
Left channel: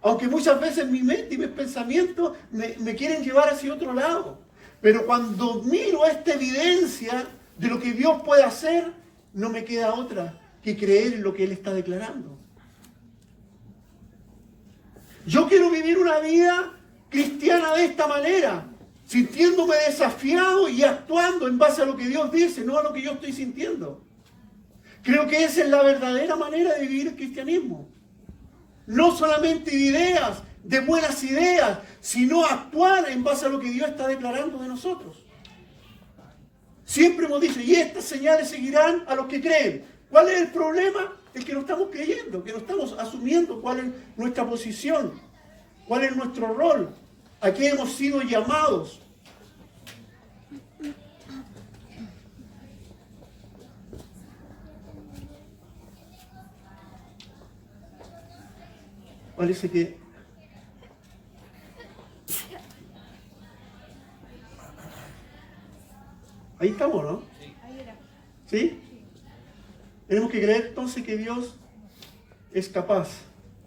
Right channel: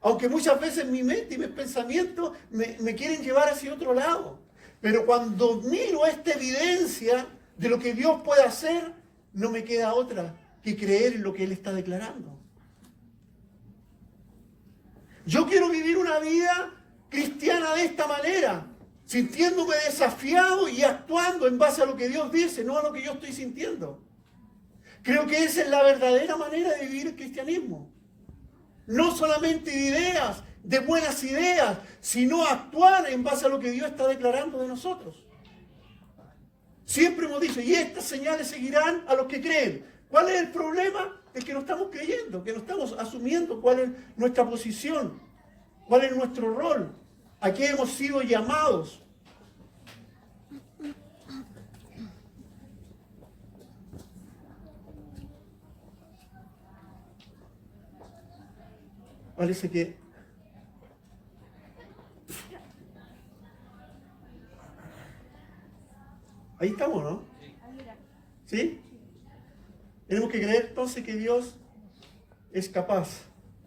Aunque muchas veces mi mente y mis pensamientos me quieren llevar hacia otro lado. Pero cuando miro esta evidencia de lo que Dios puede hacer, no me queda otra que creer en lo que Él está declarando. Yo quiero vivir una vida cristiana de esta manera, sintiéndome desafiado y actuando en base a lo que Dios dice, no a lo que yo estoy sintiendo. Creo que esa es la verdadera manera de vivir el cristianismo. No solamente de ideas, de buenas ideas, sino actuar en base a lo que Dios está declarando de nosotros. Siempre hemos dicho, y estas señales seguirán a los que creen. ¿Cuál es el problema? Es que no estamos creyendo, que no estamos asumiendo cuál es nuestra posición, cuál es nuestro rol, a qué hemos sido llamados. Parece que ahí estamos, ¿no? ¿Sí? Tenemos que creer entonces que Dios es capaz.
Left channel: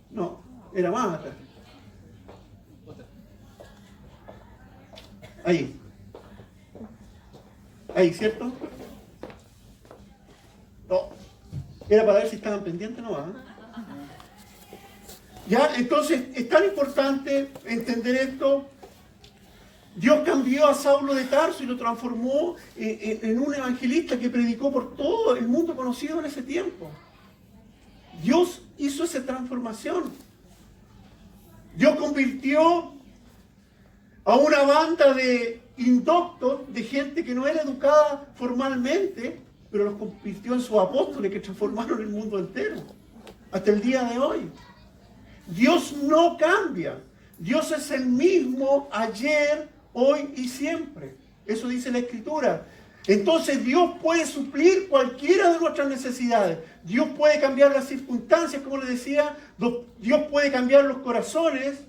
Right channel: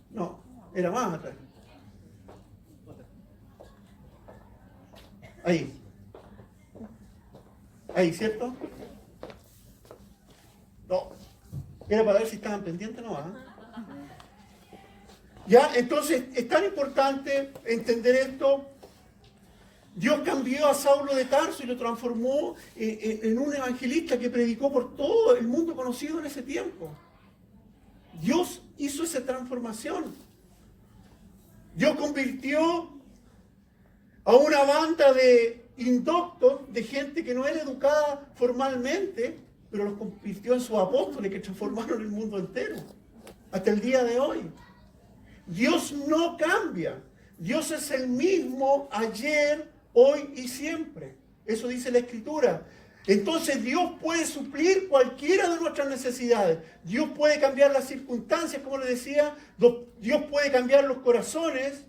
No, era más atrás. Ahí. Ahí, ¿cierto? No. Era para ver si estaban pendientes, ¿no? Ya, entonces, es tan importante entender esto. Dios cambió a Saulo de Tarso y lo transformó en un evangelista que predicó por todo el mundo conocido en ese tiempo. Dios hizo esa transformación. Dios convirtió a una banda de indoctos, de gente que no era educada formalmente, pero los convirtió en sus apóstoles que transformaron el mundo entero, hasta el día de hoy. Dios no cambia. Dios es el mismo ayer, hoy y siempre. Eso dice la Escritura. Entonces Dios puede suplir cualquiera de nuestras necesidades. Dios puede cambiar las circunstancias, como les decía. Dios puede cambiar los corazones.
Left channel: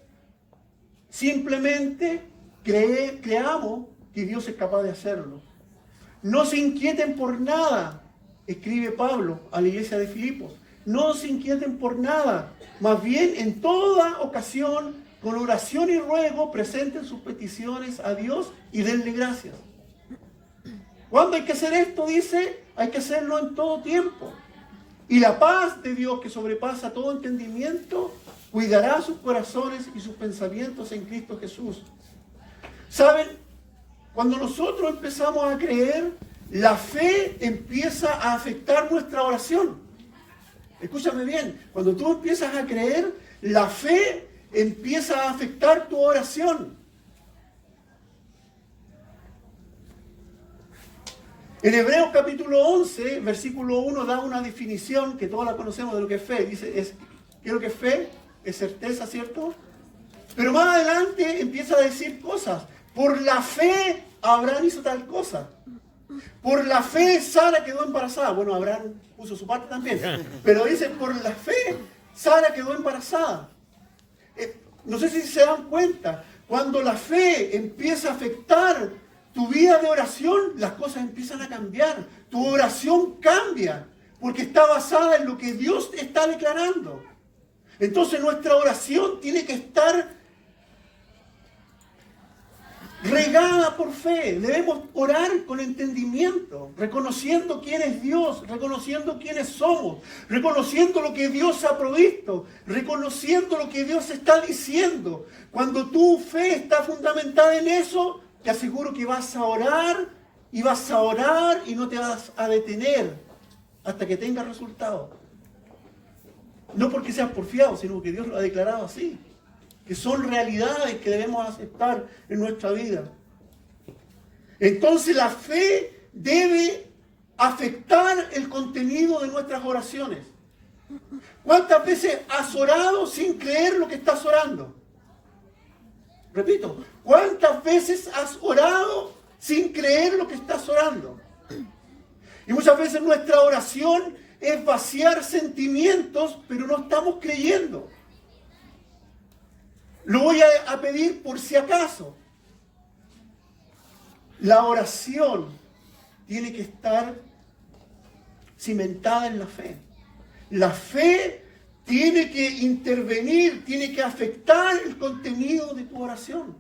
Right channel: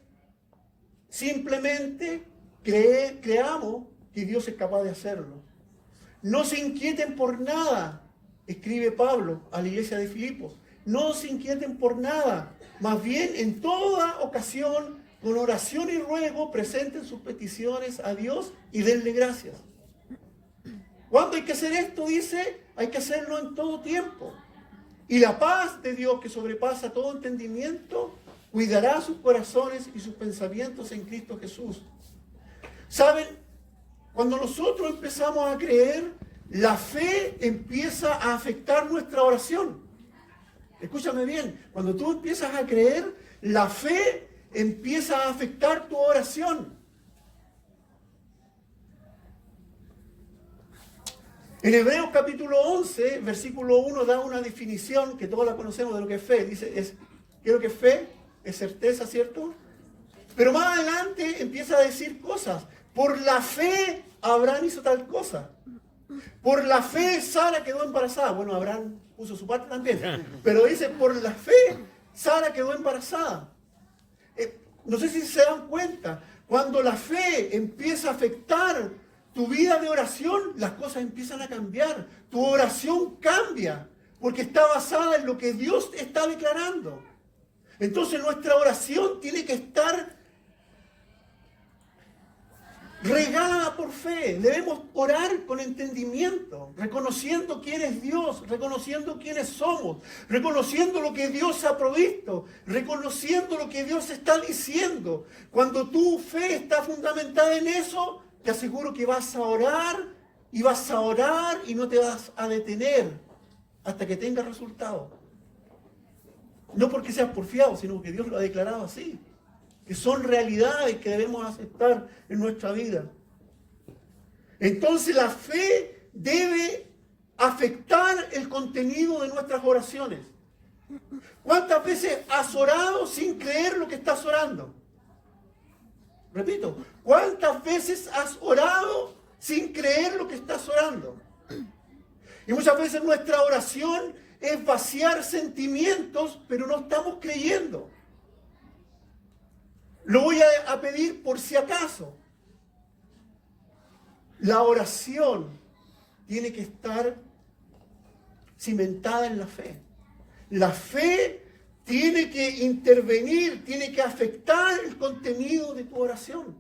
Simplemente creamos que Dios es capaz de hacerlo. No se inquieten por nada, escribe Pablo a la iglesia de Filipos. No se inquieten por nada. Más bien, en toda ocasión, con oración y ruego, presenten sus peticiones a Dios y denle gracias. ¿Cuándo hay que hacer esto? Dice, hay que hacerlo en todo tiempo. Y la paz de Dios, que sobrepasa todo entendimiento, cuidará sus corazones y sus pensamientos en Cristo Jesús. ¿Saben? Cuando nosotros empezamos a creer, la fe empieza a afectar nuestra oración. Escúchame bien, cuando tú empiezas a creer, la fe empieza a afectar tu oración. En Hebreos capítulo 11, versículo 1, da una definición que todos la conocemos de lo que es fe. Dice, ¿qué es lo que es fe? Es certeza, ¿cierto? Pero más adelante empieza a decir cosas. Por la fe, Abraham hizo tal cosa. Por la fe, Sara quedó embarazada. Bueno, Abraham puso su parte también. Pero dice, por la fe, Sara quedó embarazada. No sé si se dan cuenta. Cuando la fe empieza a afectar tu vida de oración, las cosas empiezan a cambiar. Tu oración cambia. Porque está basada en lo que Dios está declarando. Entonces nuestra oración tiene que estar regada por fe. Debemos orar con entendimiento, reconociendo quién es Dios, reconociendo quiénes somos, reconociendo lo que Dios ha provisto, reconociendo lo que Dios está diciendo. Cuando tu fe está fundamentada en eso, te aseguro que vas a orar y vas a orar y no te vas a detener hasta que tengas resultados. No porque seas porfiado, sino que Dios lo ha declarado así. Que son realidades que debemos aceptar en nuestra vida. Entonces la fe debe afectar el contenido de nuestras oraciones. ¿Cuántas veces has orado sin creer lo que estás orando? Repito, ¿cuántas veces has orado sin creer lo que estás orando? Y muchas veces nuestra oración es vaciar sentimientos, pero no estamos creyendo. Lo voy a pedir por si acaso. La oración tiene que estar cimentada en la fe. La fe tiene que intervenir, tiene que afectar el contenido de tu oración.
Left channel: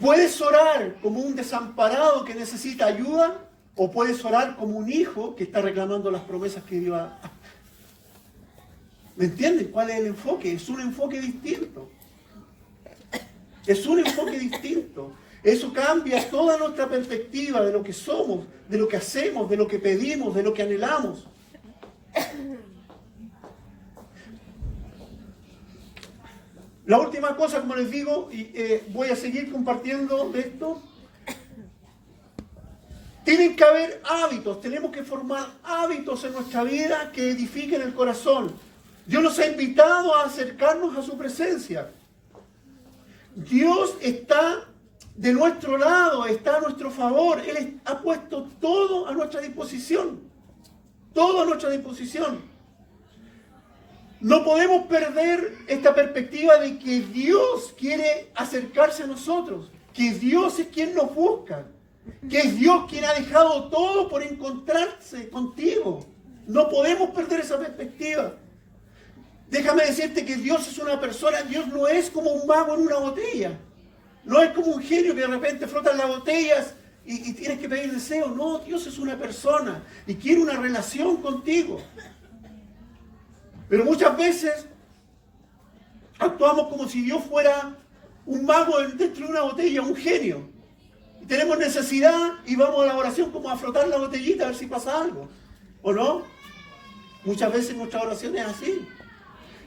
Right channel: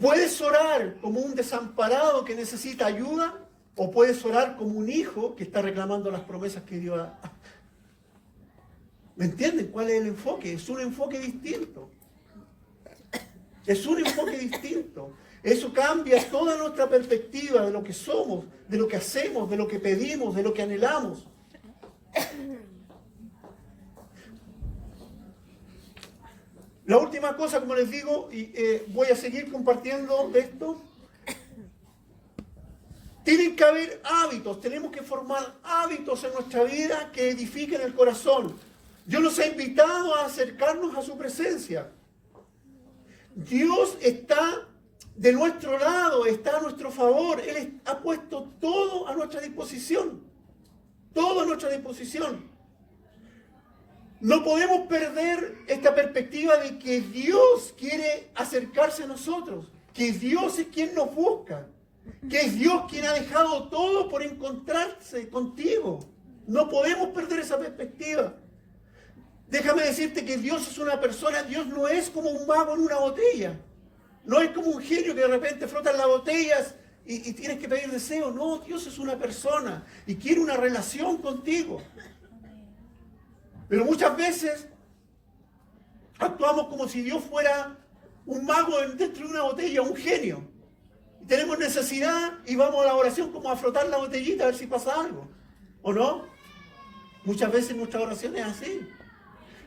Puedes orar como un desamparado que necesita ayuda, o puedes orar como un hijo que está reclamando las promesas que Dios ha. ¿Me entienden cuál es el enfoque? Es un enfoque distinto. Es un enfoque distinto. Eso cambia toda nuestra perspectiva de lo que somos, de lo que hacemos, de lo que pedimos, de lo que anhelamos. La última cosa, como les digo, y voy a seguir compartiendo de esto. Tienen que haber hábitos, tenemos que formar hábitos en nuestra vida que edifiquen el corazón. Dios nos ha invitado a acercarnos a su presencia. Dios está de nuestro lado, está a nuestro favor. Él ha puesto todo a nuestra disposición. Todo a nuestra disposición. No podemos perder esta perspectiva de que Dios quiere acercarse a nosotros. Que Dios es quien nos busca. Que es Dios quien ha dejado todo por encontrarse contigo. No podemos perder esa perspectiva. Déjame decirte que Dios es una persona. Dios no es como un mago en una botella. No es como un genio que de repente frotan las botellas y tienes que pedir deseo. No, Dios es una persona y quiere una relación contigo. Pero muchas veces actuamos como si Dios fuera un mago dentro de una botella, un genio. Y tenemos necesidad y vamos a la oración como a frotar la botellita a ver si pasa algo. ¿O no? Muchas veces nuestra oración es así.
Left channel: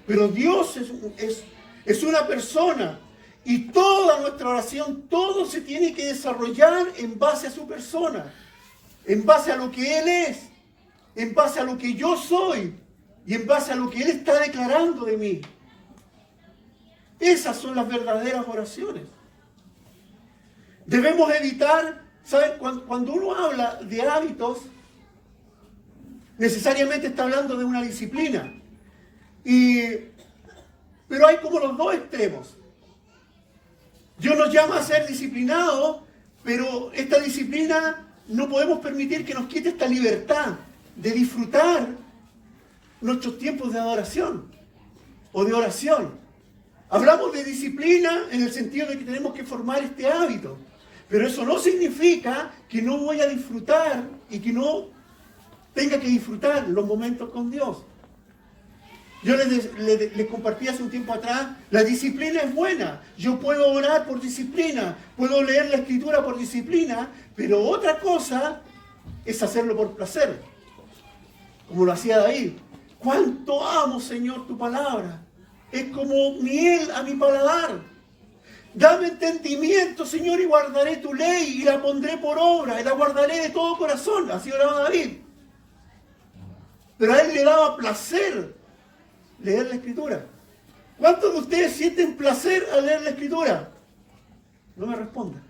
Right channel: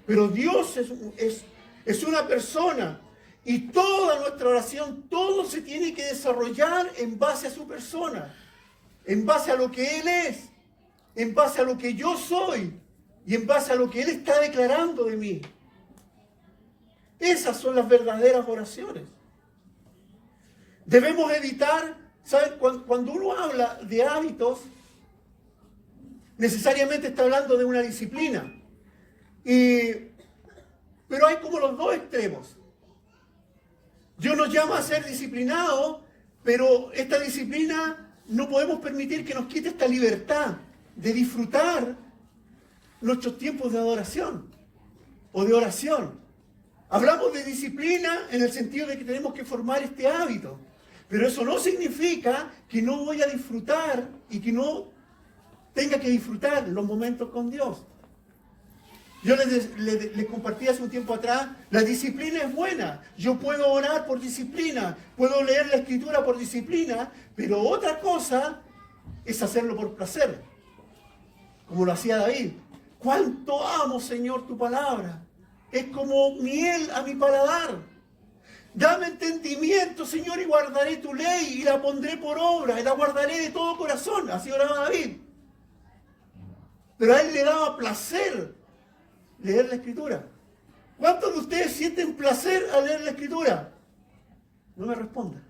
Pero Dios es una persona. Y toda nuestra oración, todo se tiene que desarrollar en base a su persona. En base a lo que Él es. En base a lo que yo soy. Y en base a lo que Él está declarando de mí. Esas son las verdaderas oraciones. Debemos evitar, ¿saben? Cuando uno habla de hábitos, necesariamente está hablando de una disciplina. Pero hay como los dos extremos. Dios nos llama a ser disciplinados, pero esta disciplina no podemos permitir que nos quite esta libertad de disfrutar nuestros tiempos de adoración o de oración. Hablamos de disciplina en el sentido de que tenemos que formar este hábito. Pero eso no significa que no voy a disfrutar y que no tenga que disfrutar los momentos con Dios. Yo les compartí hace un tiempo atrás, la disciplina es buena. Yo puedo orar por disciplina, puedo leer la Escritura por disciplina, pero otra cosa es hacerlo por placer, como lo hacía David. ¿Cuánto amo, Señor, tu palabra? Es como miel a mi paladar. Dame entendimiento, Señor, y guardaré tu ley y la pondré por obra y la guardaré de todo corazón. Así oraba David. Pero a él le daba placer leer la Escritura. ¿Cuántos de ustedes sienten placer al leer la Escritura? No me respondan.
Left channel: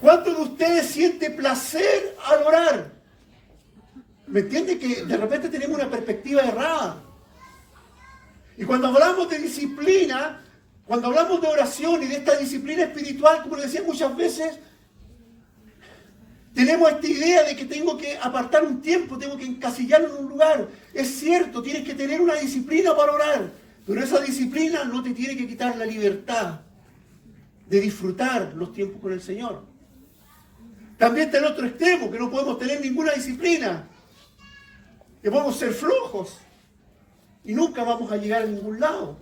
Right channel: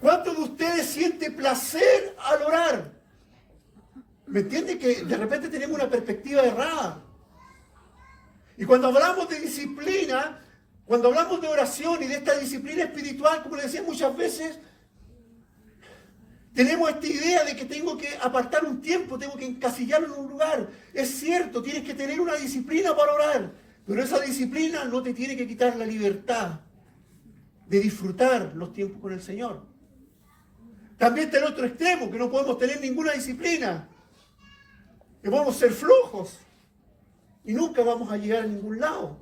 ¿Cuántos de ustedes sienten placer al orar? ¿Me entiende que de repente tenemos una perspectiva errada? Y cuando hablamos de disciplina, cuando hablamos de oración y de esta disciplina espiritual, como les decía muchas veces, tenemos esta idea de que tengo que apartar un tiempo, tengo que encasillarlo en un lugar. Es cierto, tienes que tener una disciplina para orar, pero esa disciplina no te tiene que quitar la libertad de disfrutar los tiempos con el Señor. También está el otro extremo, que no podemos tener ninguna disciplina, que podemos ser flojos y nunca vamos a llegar a ningún lado.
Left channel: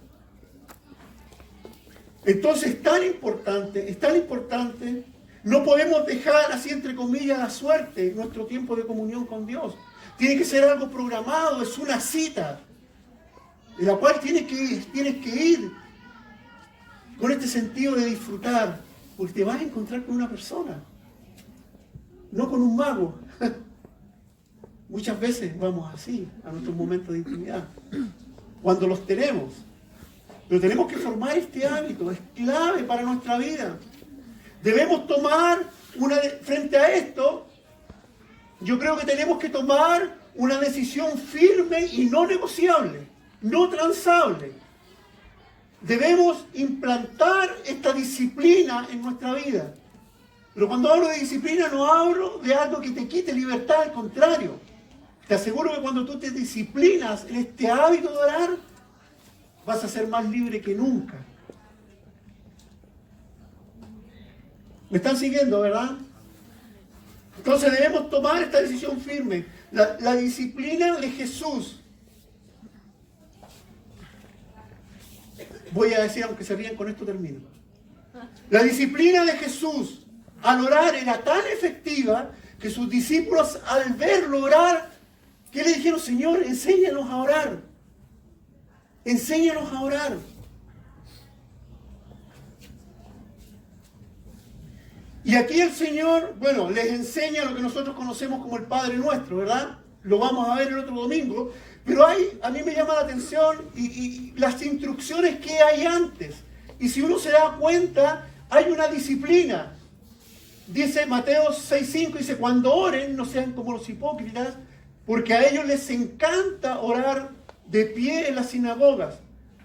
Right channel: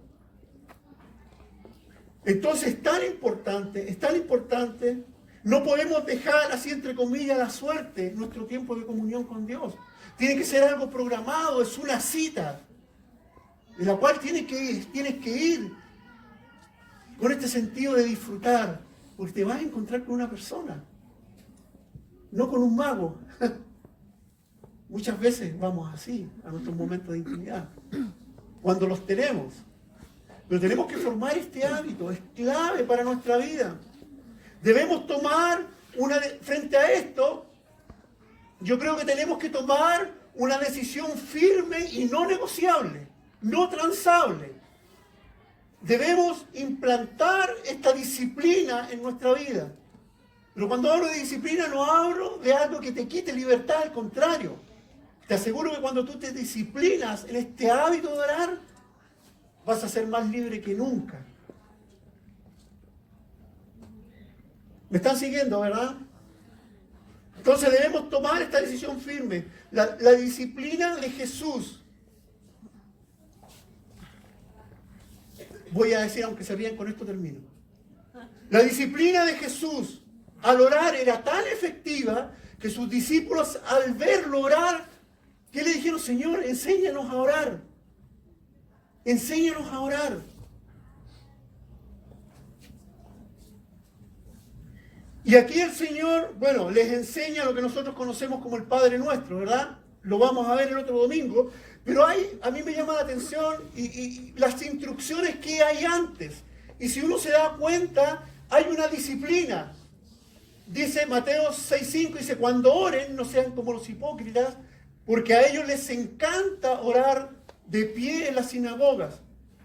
Entonces es tan importante, no podemos dejar así entre comillas la suerte nuestro tiempo de comunión con Dios. Tiene que ser algo programado, es una cita, en la cual tienes que ir con este sentido de disfrutar, porque te vas a encontrar con una persona, no con un mago. Muchas veces vamos así a nuestros momentos de intimidad, cuando los tenemos. Pero tenemos que formar este hábito, es clave para nuestra vida. Debemos tomar frente a esto, yo creo que tenemos que tomar una decisión firme y no negociable, no transable. Debemos implantar esta disciplina en nuestra vida. Pero cuando hablo de disciplina no hablo de algo que te quite libertad, al contrario. Te aseguro que cuando tú te disciplinas en este hábito de orar, vas a ser más libre que nunca. ¿Me están siguiendo, verdad? Entonces debemos tomar esta decisión firme. La disciplina de Jesús. Voy a decir, aunque se ríen, con esto termino. La disciplina de Jesús al orar era tan efectiva que sus discípulos al verlo orar, ¿qué le dijeron? Señor, enséñanos a orar. Enséñanos a orar. Y aquí el Señor, bueno, les enseña lo que nosotros conocemos como el Padre Nuestro, ¿verdad? Lo vamos a ver el otro domingo. Pero a mí me llama la atención y las instrucciones que hay antes. Y si uno se da cuenta, hay una disciplina. Dice Mateo 6:5, dice, cuando oren, no sean como los hipócritas, porque a ellos les encanta orar de pie en las sinagogas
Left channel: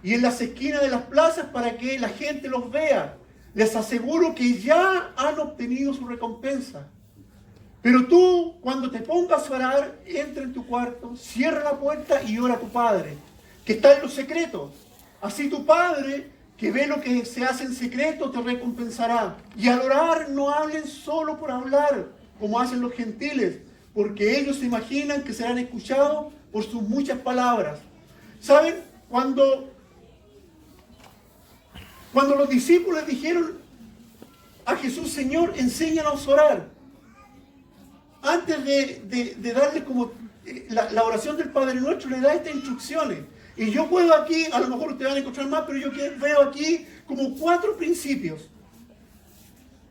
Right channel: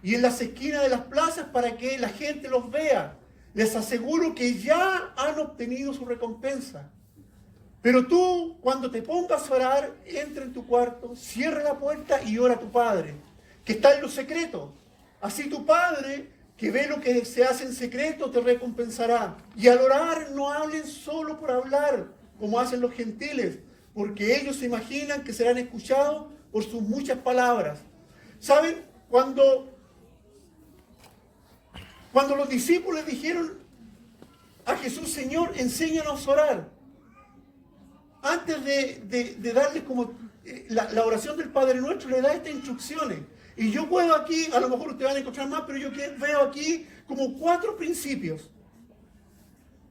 y en las esquinas de las plazas para que la gente los vea. Les aseguro que ya han obtenido su recompensa. Pero tú, cuando te pongas a orar, entra en tu cuarto, cierra la puerta y ora a tu Padre, que está en lo secreto. Así tu Padre, que ve lo que se hace en secreto, te recompensará. Y al orar, no hablen solo por hablar, como hacen los gentiles, porque ellos se imaginan que serán escuchados por sus muchas palabras. ¿Saben? Cuando los discípulos dijeron a Jesús, Señor, enséñanos a orar, antes de darle como la oración del Padre Nuestro, le da estas instrucciones. Y yo puedo aquí, a lo mejor ustedes van a encontrar más, pero yo veo aquí como 4 principios.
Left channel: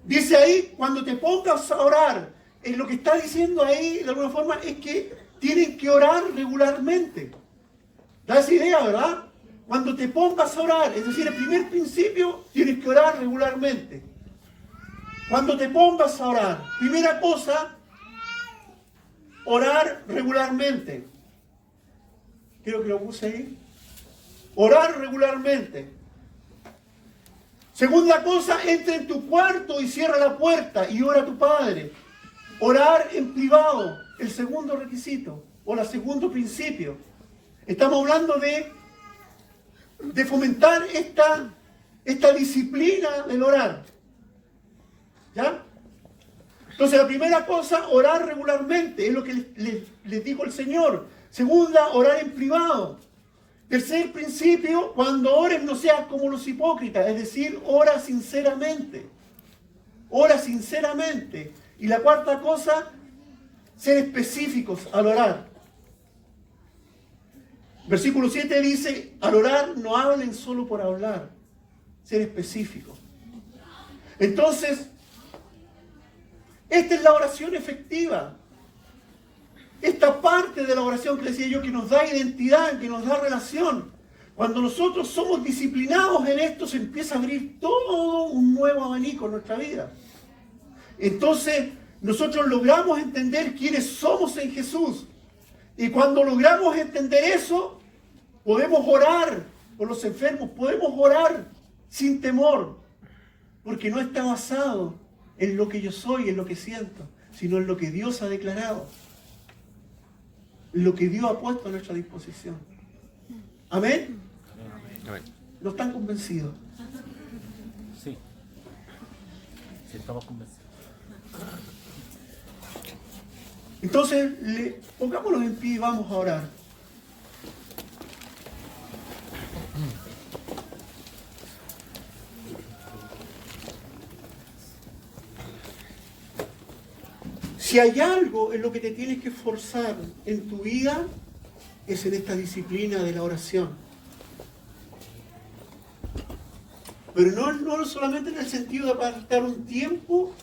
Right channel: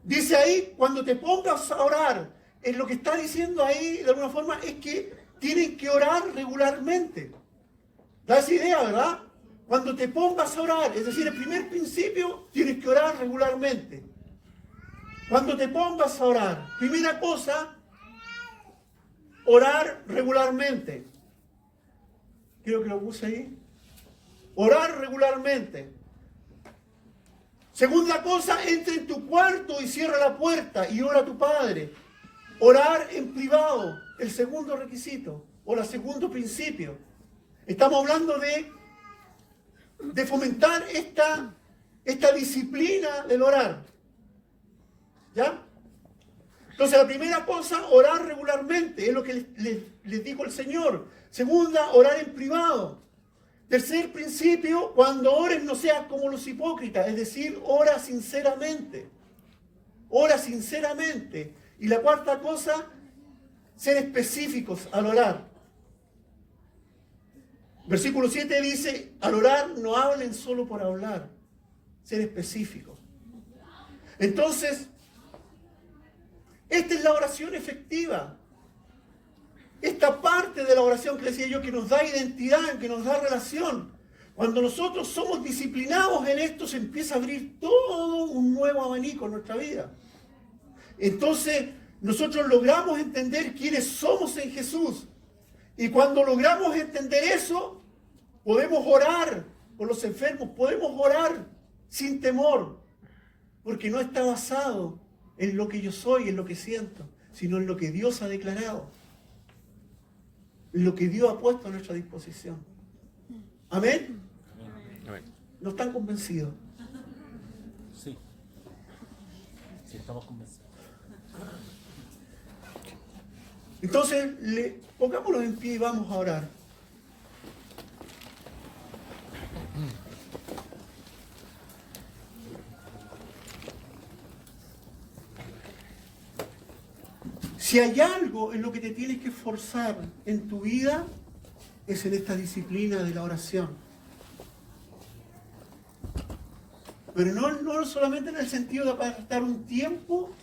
Dice ahí, cuando te pongas a orar, lo que está diciendo ahí, de alguna forma, es que tienen que orar regularmente. Da esa idea, ¿verdad? Cuando te pongas a orar, es decir, el primer principio, tienes que orar regularmente. Cuando te pongas a orar, primera cosa, orar regularmente. Creo que lo puse ahí. Orar regularmente. Segunda cosa, entra en tu cuarto y cierra la puerta y ora a tu Padre. Orar en privado, el segundo requisito, o el segundo principio. Estamos hablando de fomentar esta disciplina del orar. ¿Ya? Entonces la primera cosa, orar regularmente, es lo que les dijo el Señor. Segunda, orar en privado. Tercer principio, cuando ores no seas como los hipócritas, es decir, ora sinceramente. Ora sinceramente. Y la cuarta cosa, ser específicos al orar. Versículo 7 dice, al orar no hablen solo por hablar, ser específicos. Entonces, esta es la oración efectiva. Esta parte de la oración que decía yo, que nos da identidad, que nos da relación. Cuando nosotros somos disciplinados en esto, se empieza a abrir todo un nuevo abanico en nuestra vida. Entonces, nosotros logramos entender quiénes somos en Jesús. Y cuando logramos entender eso, podemos orar por los enfermos, podemos orar sin temor, porque no está basado en lo que yo soy, en lo que siento, sino en lo que Dios ha declarado, en lo que Dios ha puesto a nuestra disposición. ¿Amén? Amén. ¿No están convencidos? Sí. Sí, estamos convencidos. Entonces, pongámoslo en pie y vamos a orar. Si hay algo en lo que te tienes que esforzar en tu vida, es en esta disciplina de la oración. Pero no solamente en el sentido de apartar un tiempo,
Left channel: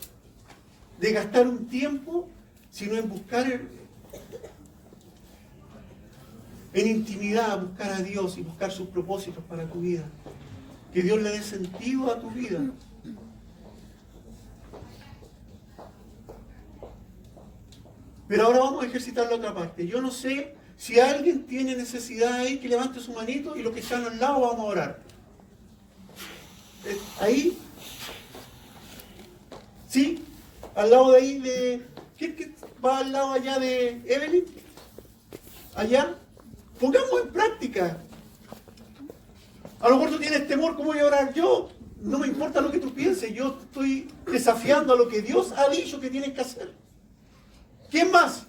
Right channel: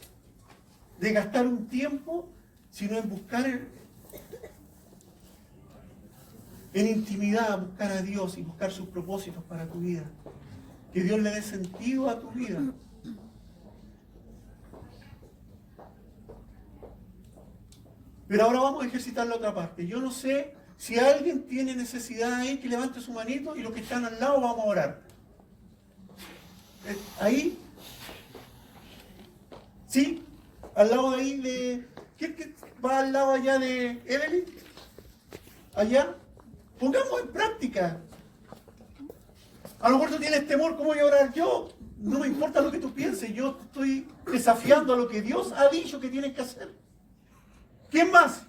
de gastar un tiempo, sino en buscar en intimidad, buscar a Dios y buscar sus propósitos para tu vida. Que Dios le dé sentido a tu vida. Pero ahora vamos a ejercitar la otra parte. Yo no sé si alguien tiene necesidad ahí, que levante su manito y los que están al lado vamos a orar. Ahí. ¿Sí? Al lado de ahí de... ¿Quién va al lado allá de Evelyn? Allá. Pongamos en práctica. A lo mejor tú tienes temor, ¿cómo voy a orar yo? No me importa lo que tú pienses, yo estoy desafiando a lo que Dios ha dicho que tienes que hacer. ¿Quién más?